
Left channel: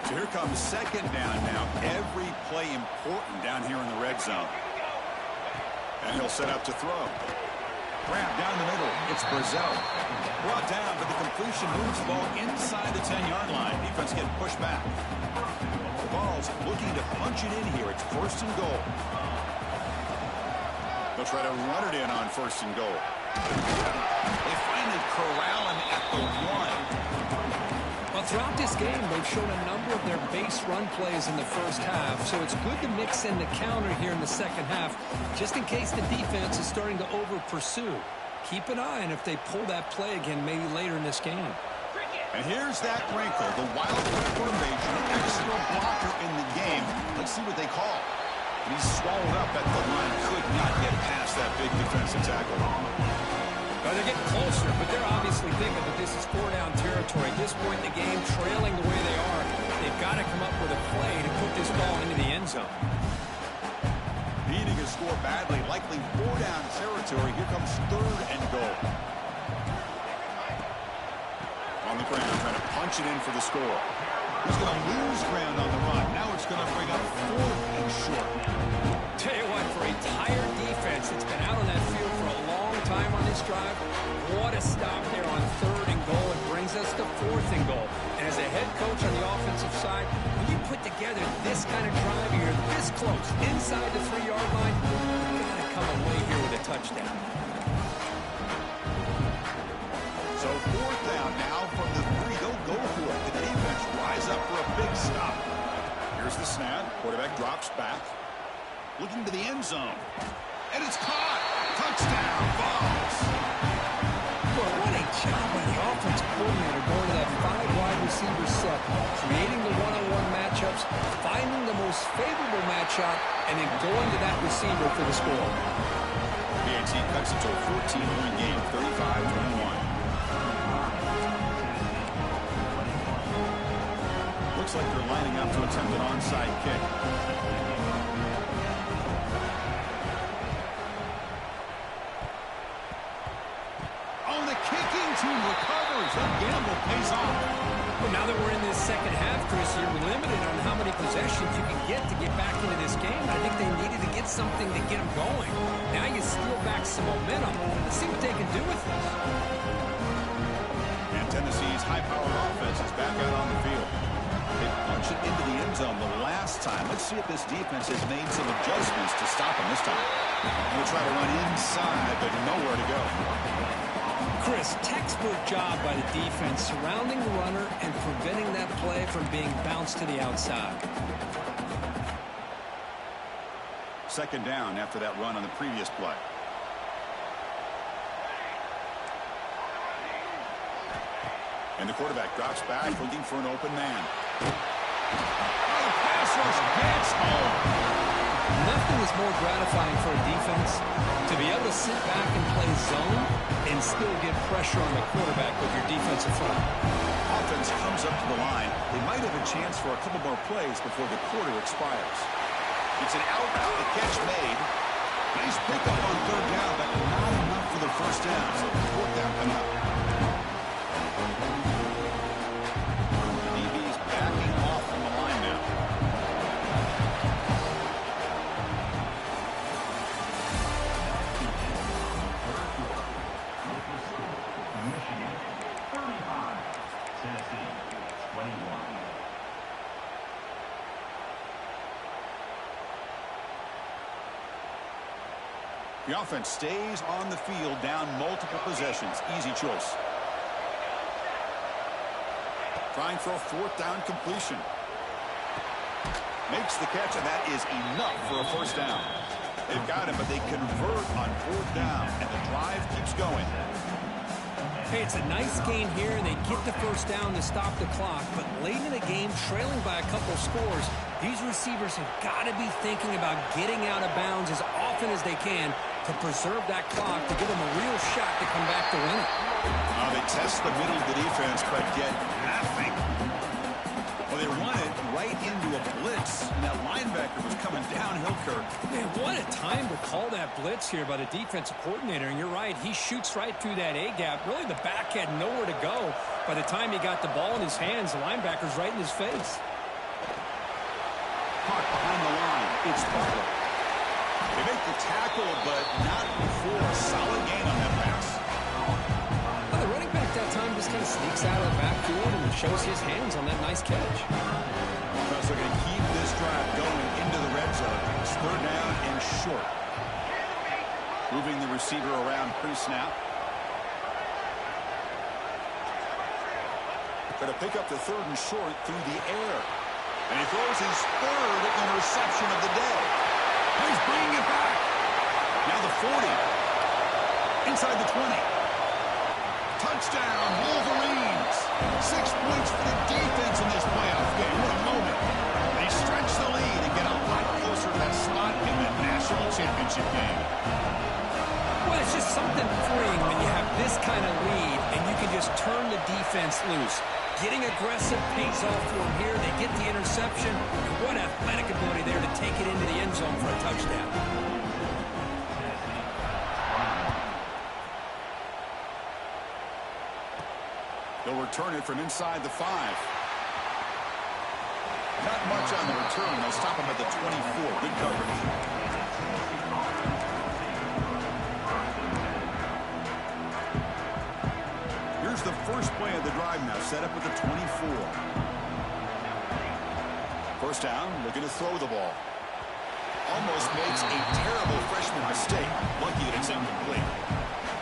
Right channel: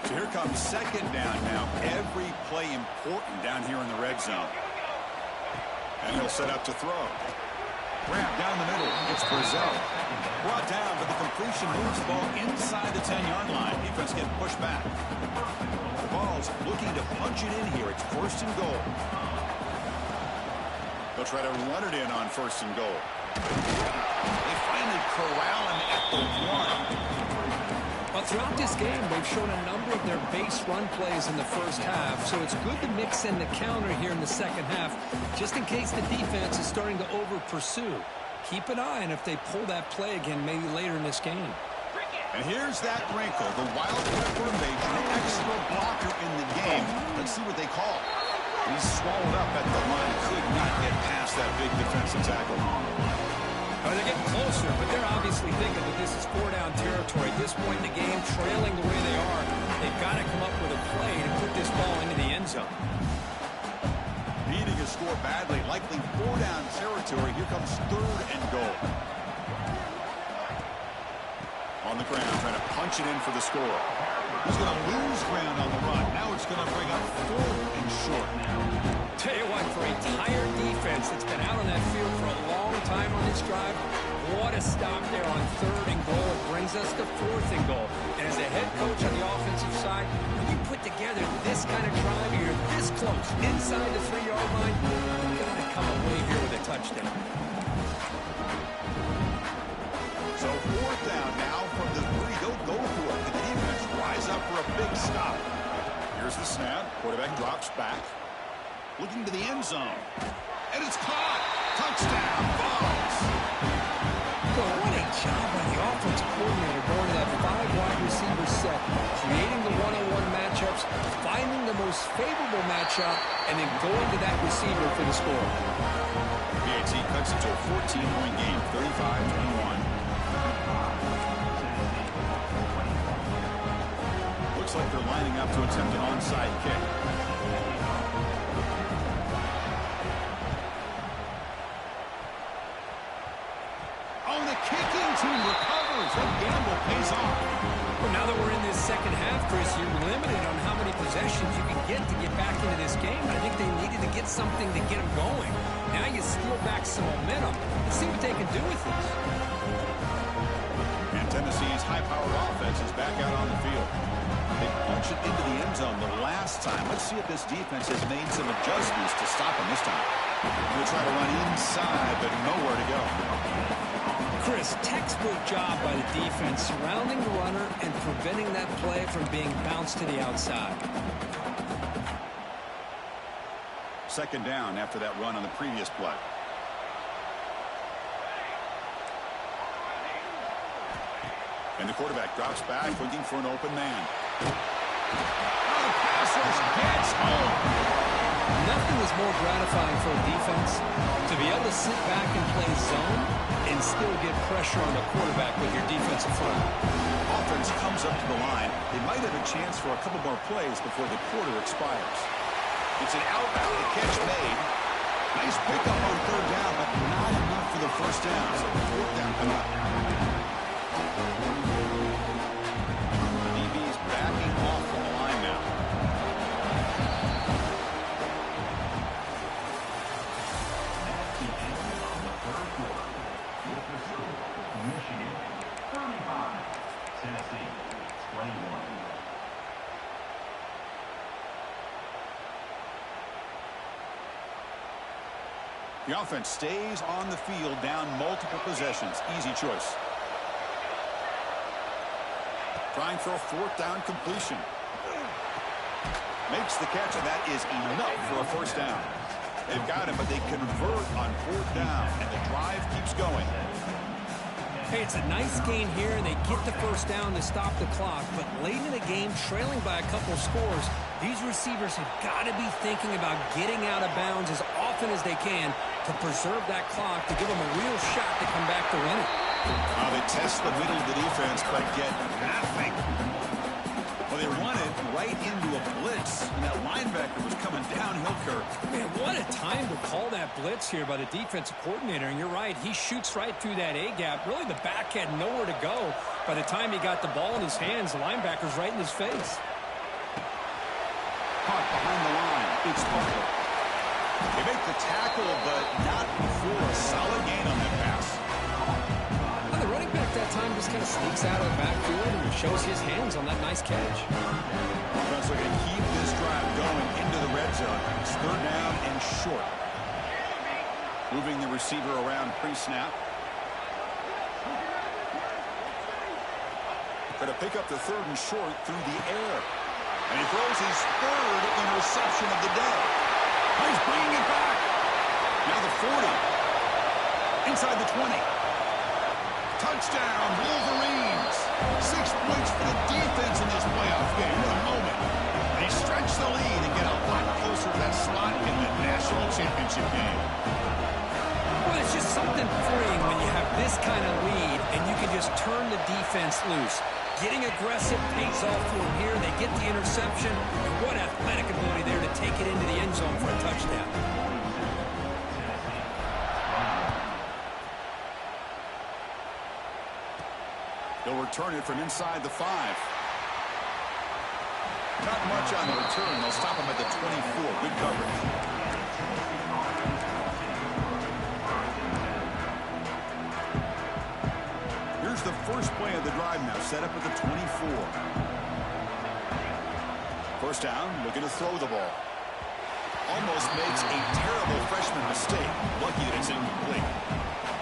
So here comes second down now. Every play important down here in the red zone. And he'll set up to throw. Grab down the middle. It's Brazzell. Brought down, but the completion moves the ball inside the 10-yard line. Defense getting pushed back. The ball's looking to punch it in here. It's first and goal. They'll try to run it in on first and goal. They finally corral him at the 1. Well, throughout this game, they've shown a number of their base run plays in the first half, so it's good to mix in the counter here in the second half, just in case the defense is starting to over-pursue. Keep an eye on if they pull that play again maybe later in this game. And here's that wrinkle, the Wildcat formation, extra blocker in the game. Let's see what they call. He's swallowed up at the line, could not get past that big defensive tackle. Well, they're getting closer, but they're obviously thinking that this is four-down territory. At this point in the game, trailing the way they are, they've got to come up with a play to put this ball into the end zone. Needing a score badly, likely four-down territory. Here comes third and goal. On the ground, trying to punch it in for the score. He's going to lose ground on the run. Now it's going to bring up fourth and short. Tell you what, for a tired defense that's been out on that field for a long time on this drive, what a stop there on third and goal. It brings us to fourth and goal. And as a head coach on the offensive side, when you put together this kind of drive, you're this close, inside the 3-yard line, you've got to come away here with a touchdown. So fourth down now from the 3. They'll go for it. The defense rise up for a big stop. Here's the snap. Quarterback drops back. Looking to the end zone. And it's caught. Touchdown, Vols. Well, what a job by the offensive coordinator going to that 5-wide receiver set, creating the one-on-one matchups, finding the most favorable matchup, and then going to that receiver for the score. BAT cuts it to a 14-point game, 35-21. Looks like they're lining up to attempt an onside kick. Oh, the kicking team recovers. That gamble pays off. Well, now that we're in this second half, Chris, you're limited on how many possessions you can get to get back into this game. I think they needed to get something to get them going. Now you steal back some momentum. Let's see what they can do with this. And Tennessee's high-powered offense is back out on the field. They punch it into the end zone the last time. Let's see if this defense has made some adjustments to stop them this time. We'll try to run inside, but nowhere to go. Chris, textbook job by the defense, surrounding the runner and preventing that play from being bounced to the outside. Second down after that run on the previous play. And the quarterback drops back, looking for an open man. Oh, the pass rush gets home. Nothing is more gratifying for a defense to be able to sit back and play zone and still get pressure on the quarterback with your defensive front. Offense comes up to the line. They might have a chance for a couple more plays before the quarter expires. It's an out route. The catch made. Nice pickup on third down, but not enough for the first down. So fourth down coming up. The DB's backing off from the line now. Michigan 35, Tennessee 21. The offense stays on the field, down multiple possessions. Easy choice. Trying for a fourth down completion. Makes the catch, and that is enough for a first down. They've got him, but they convert on fourth down, and the drive keeps going. Hey, it's a nice gain here, and they get the first down to stop the clock. But late in the game, trailing by a couple scores, these receivers have got to be thinking about getting out of bounds as often as they can to preserve that clock, to give them a real shot to come back to win it. They test the middle of the defense, but get nothing. Well, They run it right into a blitz, and that linebacker was coming downhill, Kirk. Man, what a time to call that blitz here by the defensive coordinator. And you're right, he shoots right through that A-gap. Really, the back had nowhere to go. By the time he got the ball in his hands, the linebacker's right in his face. Caught behind the line. It's Butler. They make the tackle, but not for a solid gain on that pass. The running back that time just kind of sneaks out of the backfield and shows his hands on that nice catch. Offense looking to keep this drive going into the red zone. It's 3rd down and short. Moving the receiver around pre-snap. Going to pick up the 3rd and short through the air. And he throws his 3rd interception of the day. Oh, he's bringing it back. Now the 40. Inside the 20. Touchdown, Wolverines. 6 points for the defense in this playoff game. What a moment. They stretch the lead and get a lot closer to that spot in the national championship game. Well, it's just something freeing when you have this kind of lead and you can just turn the defense loose. Getting aggressive pays off for them here. They get the interception. And what athletic ability there to take it into the end zone for a touchdown. They'll return it from inside the 5. Not much on the return. They'll stop him at the 24. Good coverage. Here's the first play of the drive now, set up at the 24. First down, looking to throw the ball. Almost makes a terrible freshman mistake. Lucky that it's incomplete.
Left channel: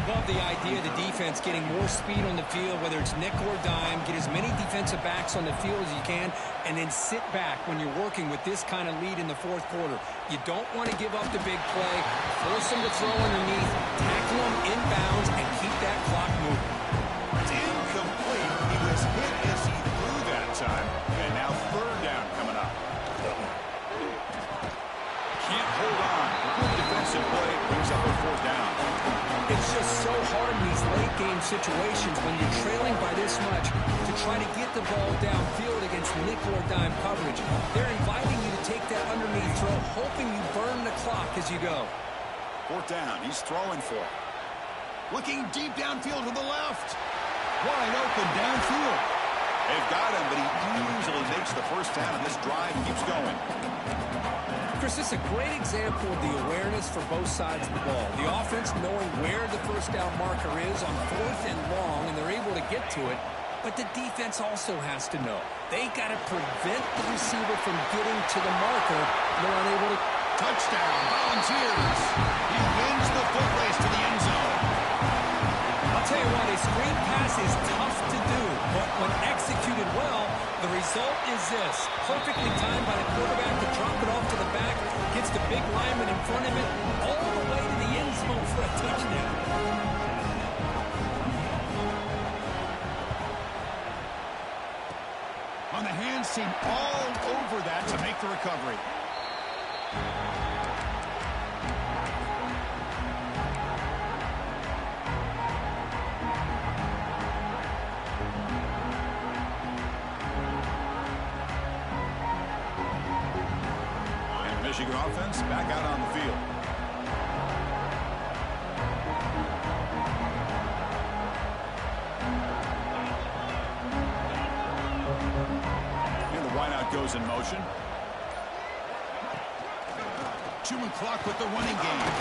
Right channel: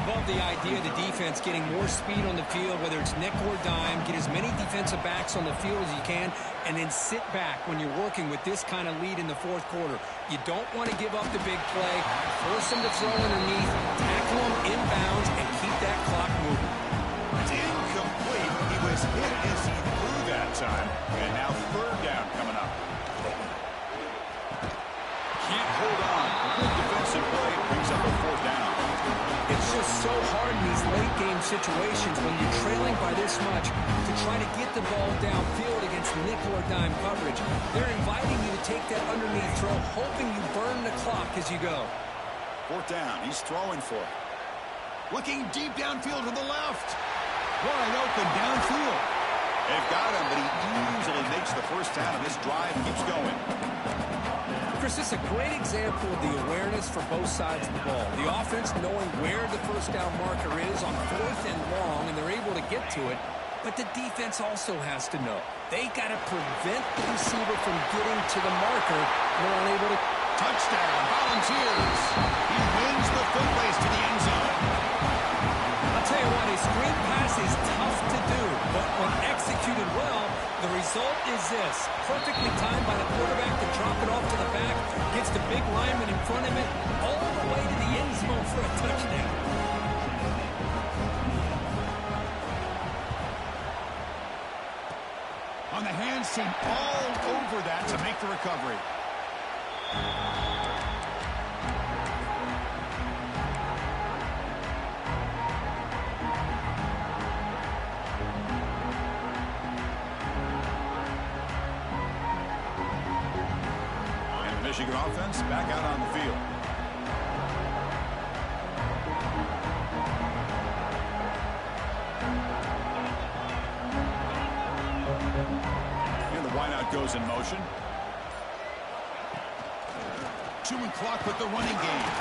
Love the idea of the defense getting more speed on the field, whether it's nickel or dime. Get as many defensive backs on the field as you can, and then sit back when you're working with this kind of lead in the 4th quarter. You don't want to give up the big play. Force them to throw underneath, tackle them inbounds, and keep that clock moving. It's incomplete. He was hit as he threw that time. And now 3rd down coming up. Can't hold on. A good defensive play brings up a 4th down. It's just so hard in these late-game situations when you're trailing by this much to try to get the ball downfield against nickel or dime coverage. They're inviting you to take that underneath throw, hoping you burn the clock as you go. 4th down. He's throwing for it. Looking deep downfield to the left. Wide open downfield. They've got him, but he easily makes the first down, and this drive keeps going. Chris, this is a great example of the awareness for both sides of the ball. The offense knowing where the first down marker is on 4th and long, and they're able to get to it. But the defense also has to know. They got to prevent the receiver from getting to the marker. They're unable to. Touchdown, Volunteers. He wins the foot race to the end zone. I'll tell you what, a screen pass is tough to do, but when executed well, the result is this. Perfectly timed by the quarterback to drop it off to the back, gets the big lineman in front of it, all the way to the end zone for a touchdown. On the hands team all over that to make the recovery. Michigan offense back out on the field. And the wideout goes in motion. Chewing clock with the running game.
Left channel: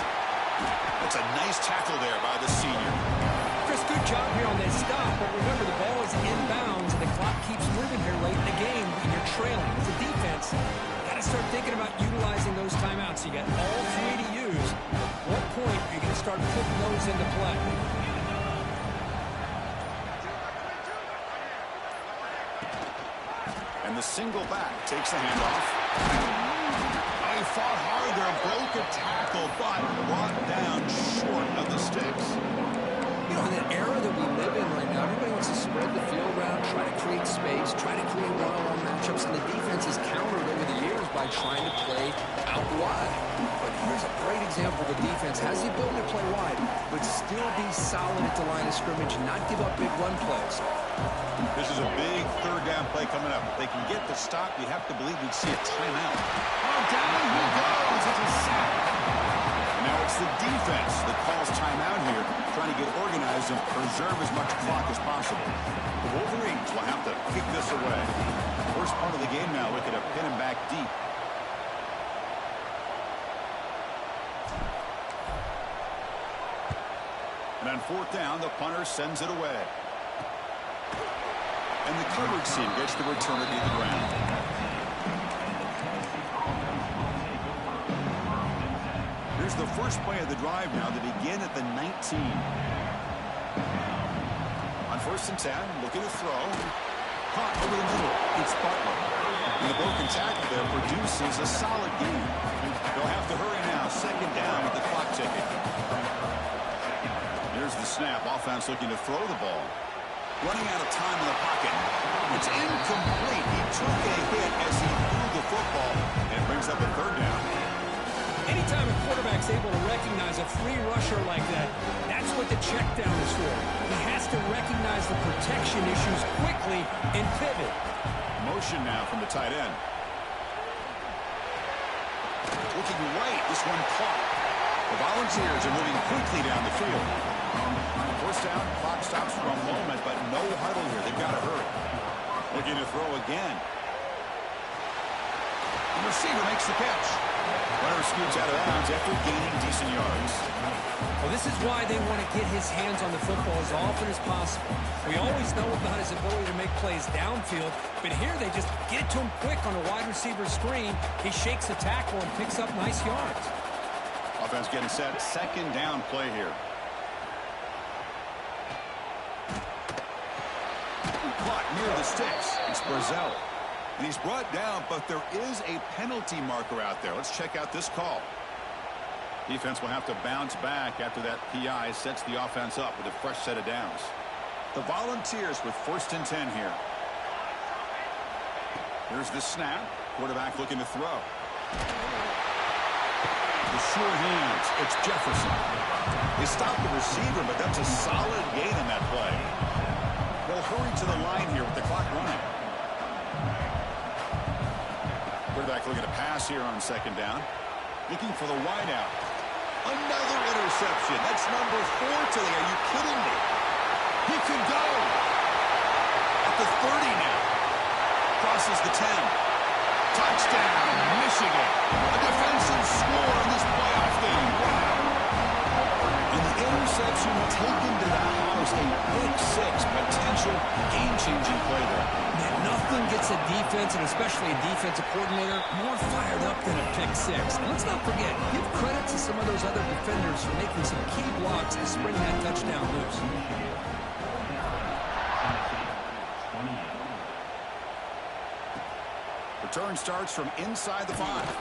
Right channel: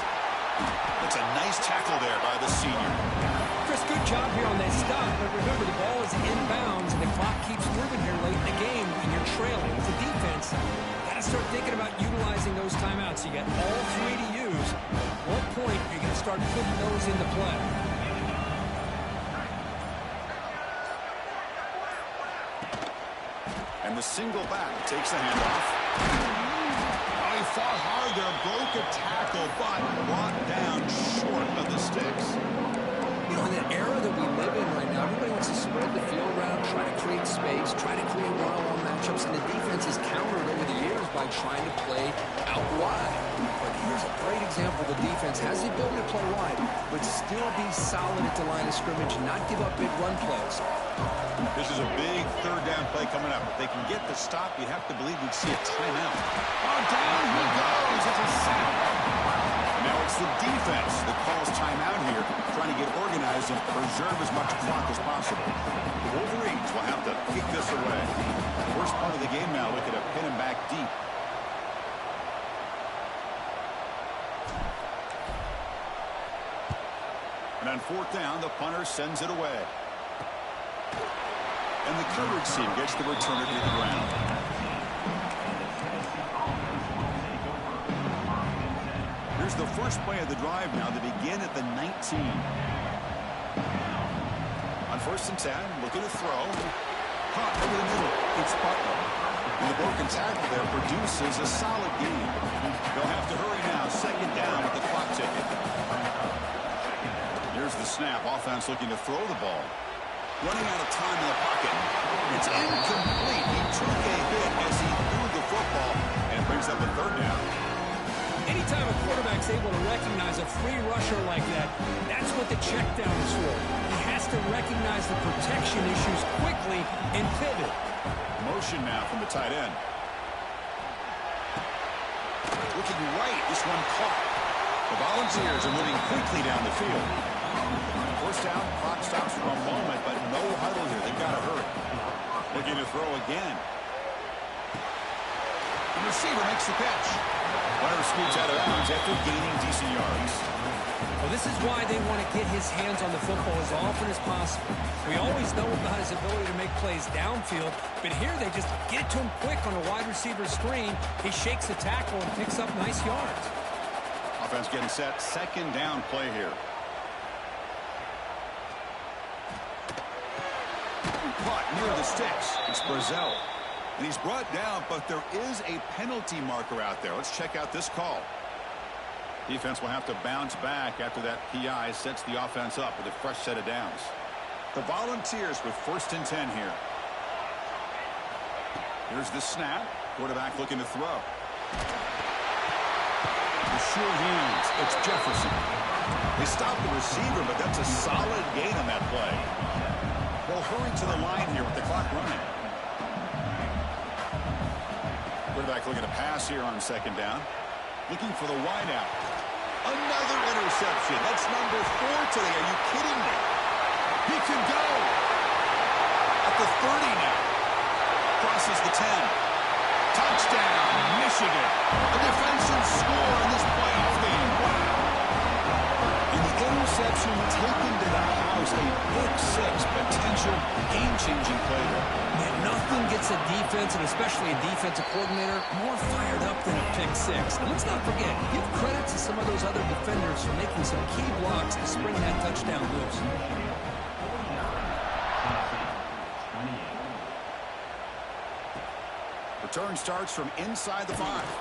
That's a nice tackle there by the senior. Chris, good job here on that stop, but remember the ball is inbounds and the clock keeps moving here late in the game and you're trailing. As a defense, got to start thinking about utilizing those timeouts. You got all 3 to use. At what point are you going to start putting those into play? And the single back takes the handoff. He fought hard there, broke a tackle, but brought down short of the sticks. You know, in that era that we live in right now, everybody wants to spread the field around, try to create space, try to create one-on-one matchups, and the defense has countered over the years by trying to play out wide. But here's a great example. The defense has the ability to play wide, but still be solid at the line of scrimmage and not give up big run plays. This is a big third down play coming up. If they can get the stop, you have to believe we'd see a timeout. Oh, down he goes. It's a sack. And now it's the defense that calls timeout here, trying to get organized and preserve as much clock as possible. The Wolverines will have to kick this away. First part of the game now, looking to pin him back deep. And on fourth down, the punter sends it away. And the coverage team gets the returner to the ground. Here's the first play of the drive now to begin at the 19. On first and 10, looking to throw. Caught over the middle. It's Butler. And the broken tackle there produces a solid gain. They'll have to hurry now. Second down with the clock ticking. Here's the snap. Offense looking to throw the ball. Running out of time in the pocket. It's incomplete. He took a hit as he threw the football, and it brings up a third down. Anytime a quarterback's able to recognize a free rusher like that, that's what the check down is for. He has to recognize the protection issues quickly and pivot. Motion now from the tight end. Looking right. This one caught. The Volunteers are moving quickly down the field. First down, clock stops for a moment, but no huddle here. They've got to hurry. Looking to throw again. The receiver makes the catch. Runner scoots out of bounds after gaining decent yards. Well, this is why they want to get his hands on the football as often as possible. We always know about his ability to make plays downfield, but here they just get it to him quick on a wide receiver screen. He shakes the tackle and picks up nice yards. Offense getting set. Second down play here. Caught near the sticks. It's Brazel. And he's brought down, but there is a penalty marker out there. Let's check out this call. Defense will have to bounce back after that PI sets the offense up with a fresh set of downs. The Volunteers with first and 10 here. Here's the snap. Quarterback looking to throw. The sure hands. It's Jefferson. They stopped the receiver, but that's a solid gain on that play. They'll hurry to the line here with the clock running. Quarterback looking to pass here on second down. Looking for the wideout. Another interception. That's number 4 today. Are you kidding me? He can go. At the 30 now. Crosses the 10. Touchdown, Michigan. A defensive score in this playoff game. Wow. And the interception taken to the house. A pick-6 potential game-changing play there. Man, nothing gets a defense, and especially a defensive coordinator, more fired up than a pick-6. And let's not forget, give credit to some of those other defenders for making some key blocks to spring that touchdown loose. Return starts from inside the 5.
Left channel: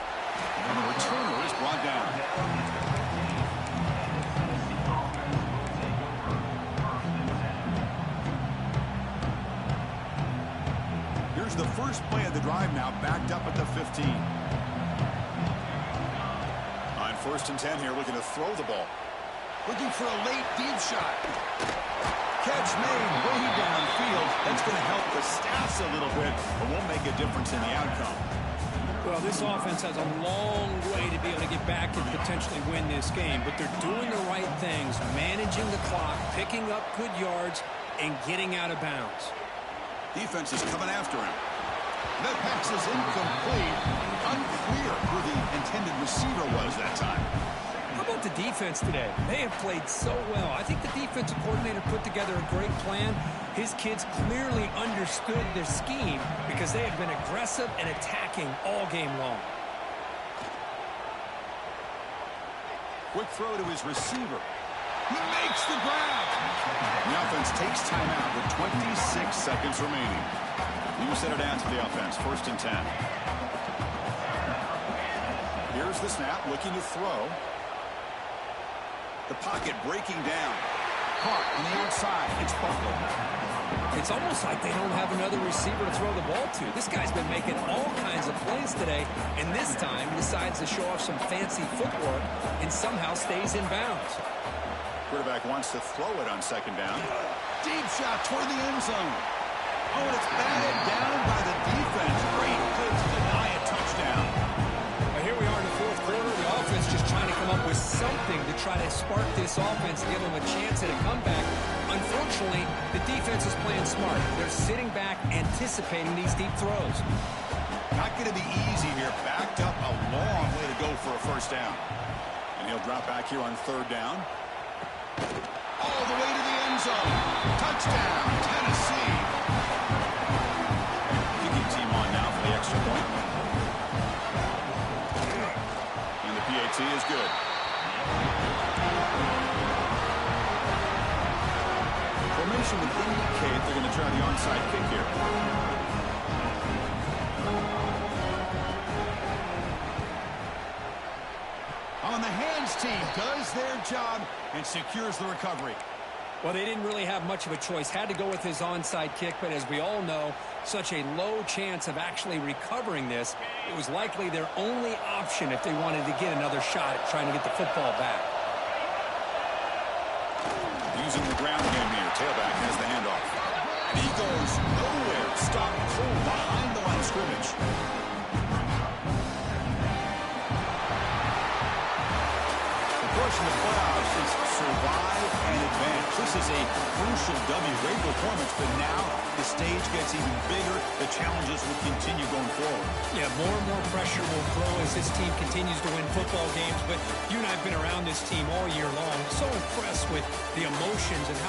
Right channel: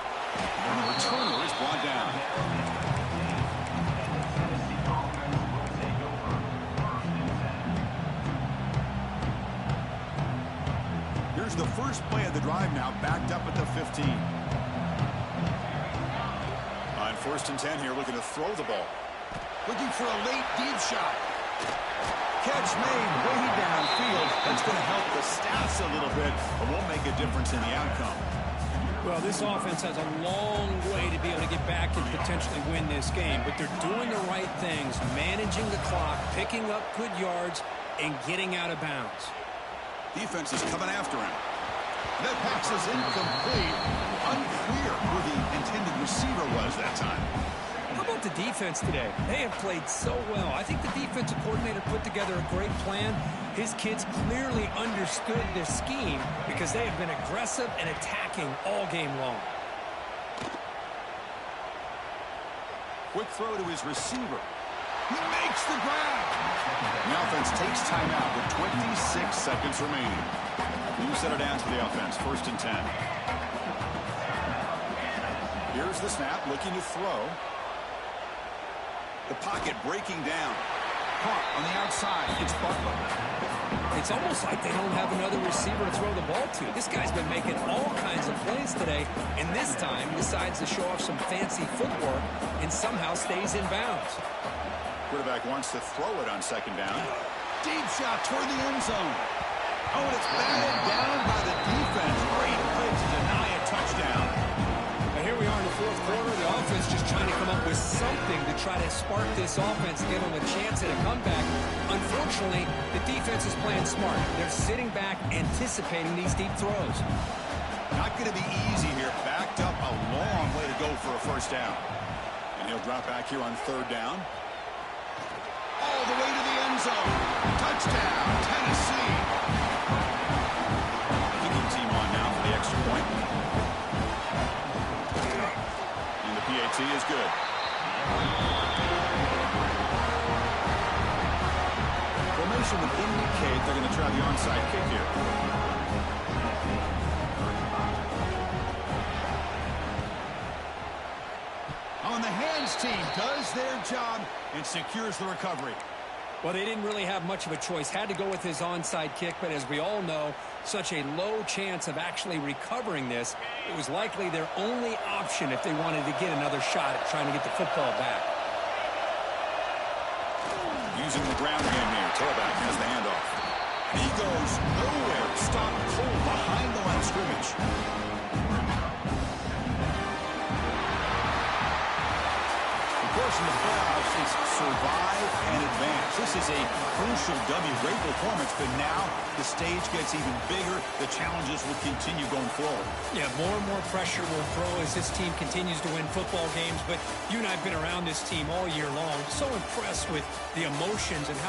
And the returner is brought down. Here's the first play of the drive now, backed up at the 15. On first and 10 here, looking to throw the ball. Looking for a late deep shot. Catch made way downfield. That's going to help the stats a little bit, but won't make a difference in the outcome. Well, this offense has a long way to be able to get back and potentially win this game, but they're doing the right things, managing the clock, picking up good yards, and getting out of bounds. Defense is coming after him. That pass is incomplete. Unclear who the intended receiver was that time. How about the defense today? They have played so well. I think the defensive coordinator put together a great plan. His kids clearly understood their scheme because they have been aggressive and attacking all game long. Quick throw to his receiver. He makes the grab. The offense takes timeout with 26 seconds remaining. You set it down to the offense. First and 10. Here's the snap, looking to throw. The pocket breaking down. Caught on the outside. It's Butler. It's almost like they don't have another receiver to throw the ball to. This guy's been making all kinds of plays today, and this time decides to show off some fancy footwork and somehow stays in bounds. Quarterback wants to throw it on second down. Deep shot toward the end zone. Oh, and it's batted down by the defense. Great play to deny a touchdown. Now here we are in the fourth quarter. The offense just trying to come up with something to try to spark this offense, give them a chance at a comeback. Unfortunately, the defense is playing smart. They're sitting back, anticipating these deep throws. Not going to be easy here. Backed up a long way to go for a first down. And he'll drop back here on third down. All the way to the end zone. Touchdown, Tennessee. Kicking team on now for the extra point. And the PAT is good. Formation would indicate they're going to try the onside kick here. On the hands team does their job and secures the recovery. Well, they didn't really have much of a choice. Had to go with his onside kick, but as we all know, such a low chance of actually recovering this. It was likely their only option if they wanted to get another shot at trying to get the football back. Using the ground game here. Tailback has the handoff. And he goes nowhere. Stop cold behind the line of scrimmage. Of course, in the playoffs, it's survive and advance. This is a crucial W. Great performance, but now the stage gets even bigger. The challenges will continue going forward. Yeah, more and more pressure will grow as this team continues to win football games. But you and I have been around this team all year long. So impressed with the emotions and how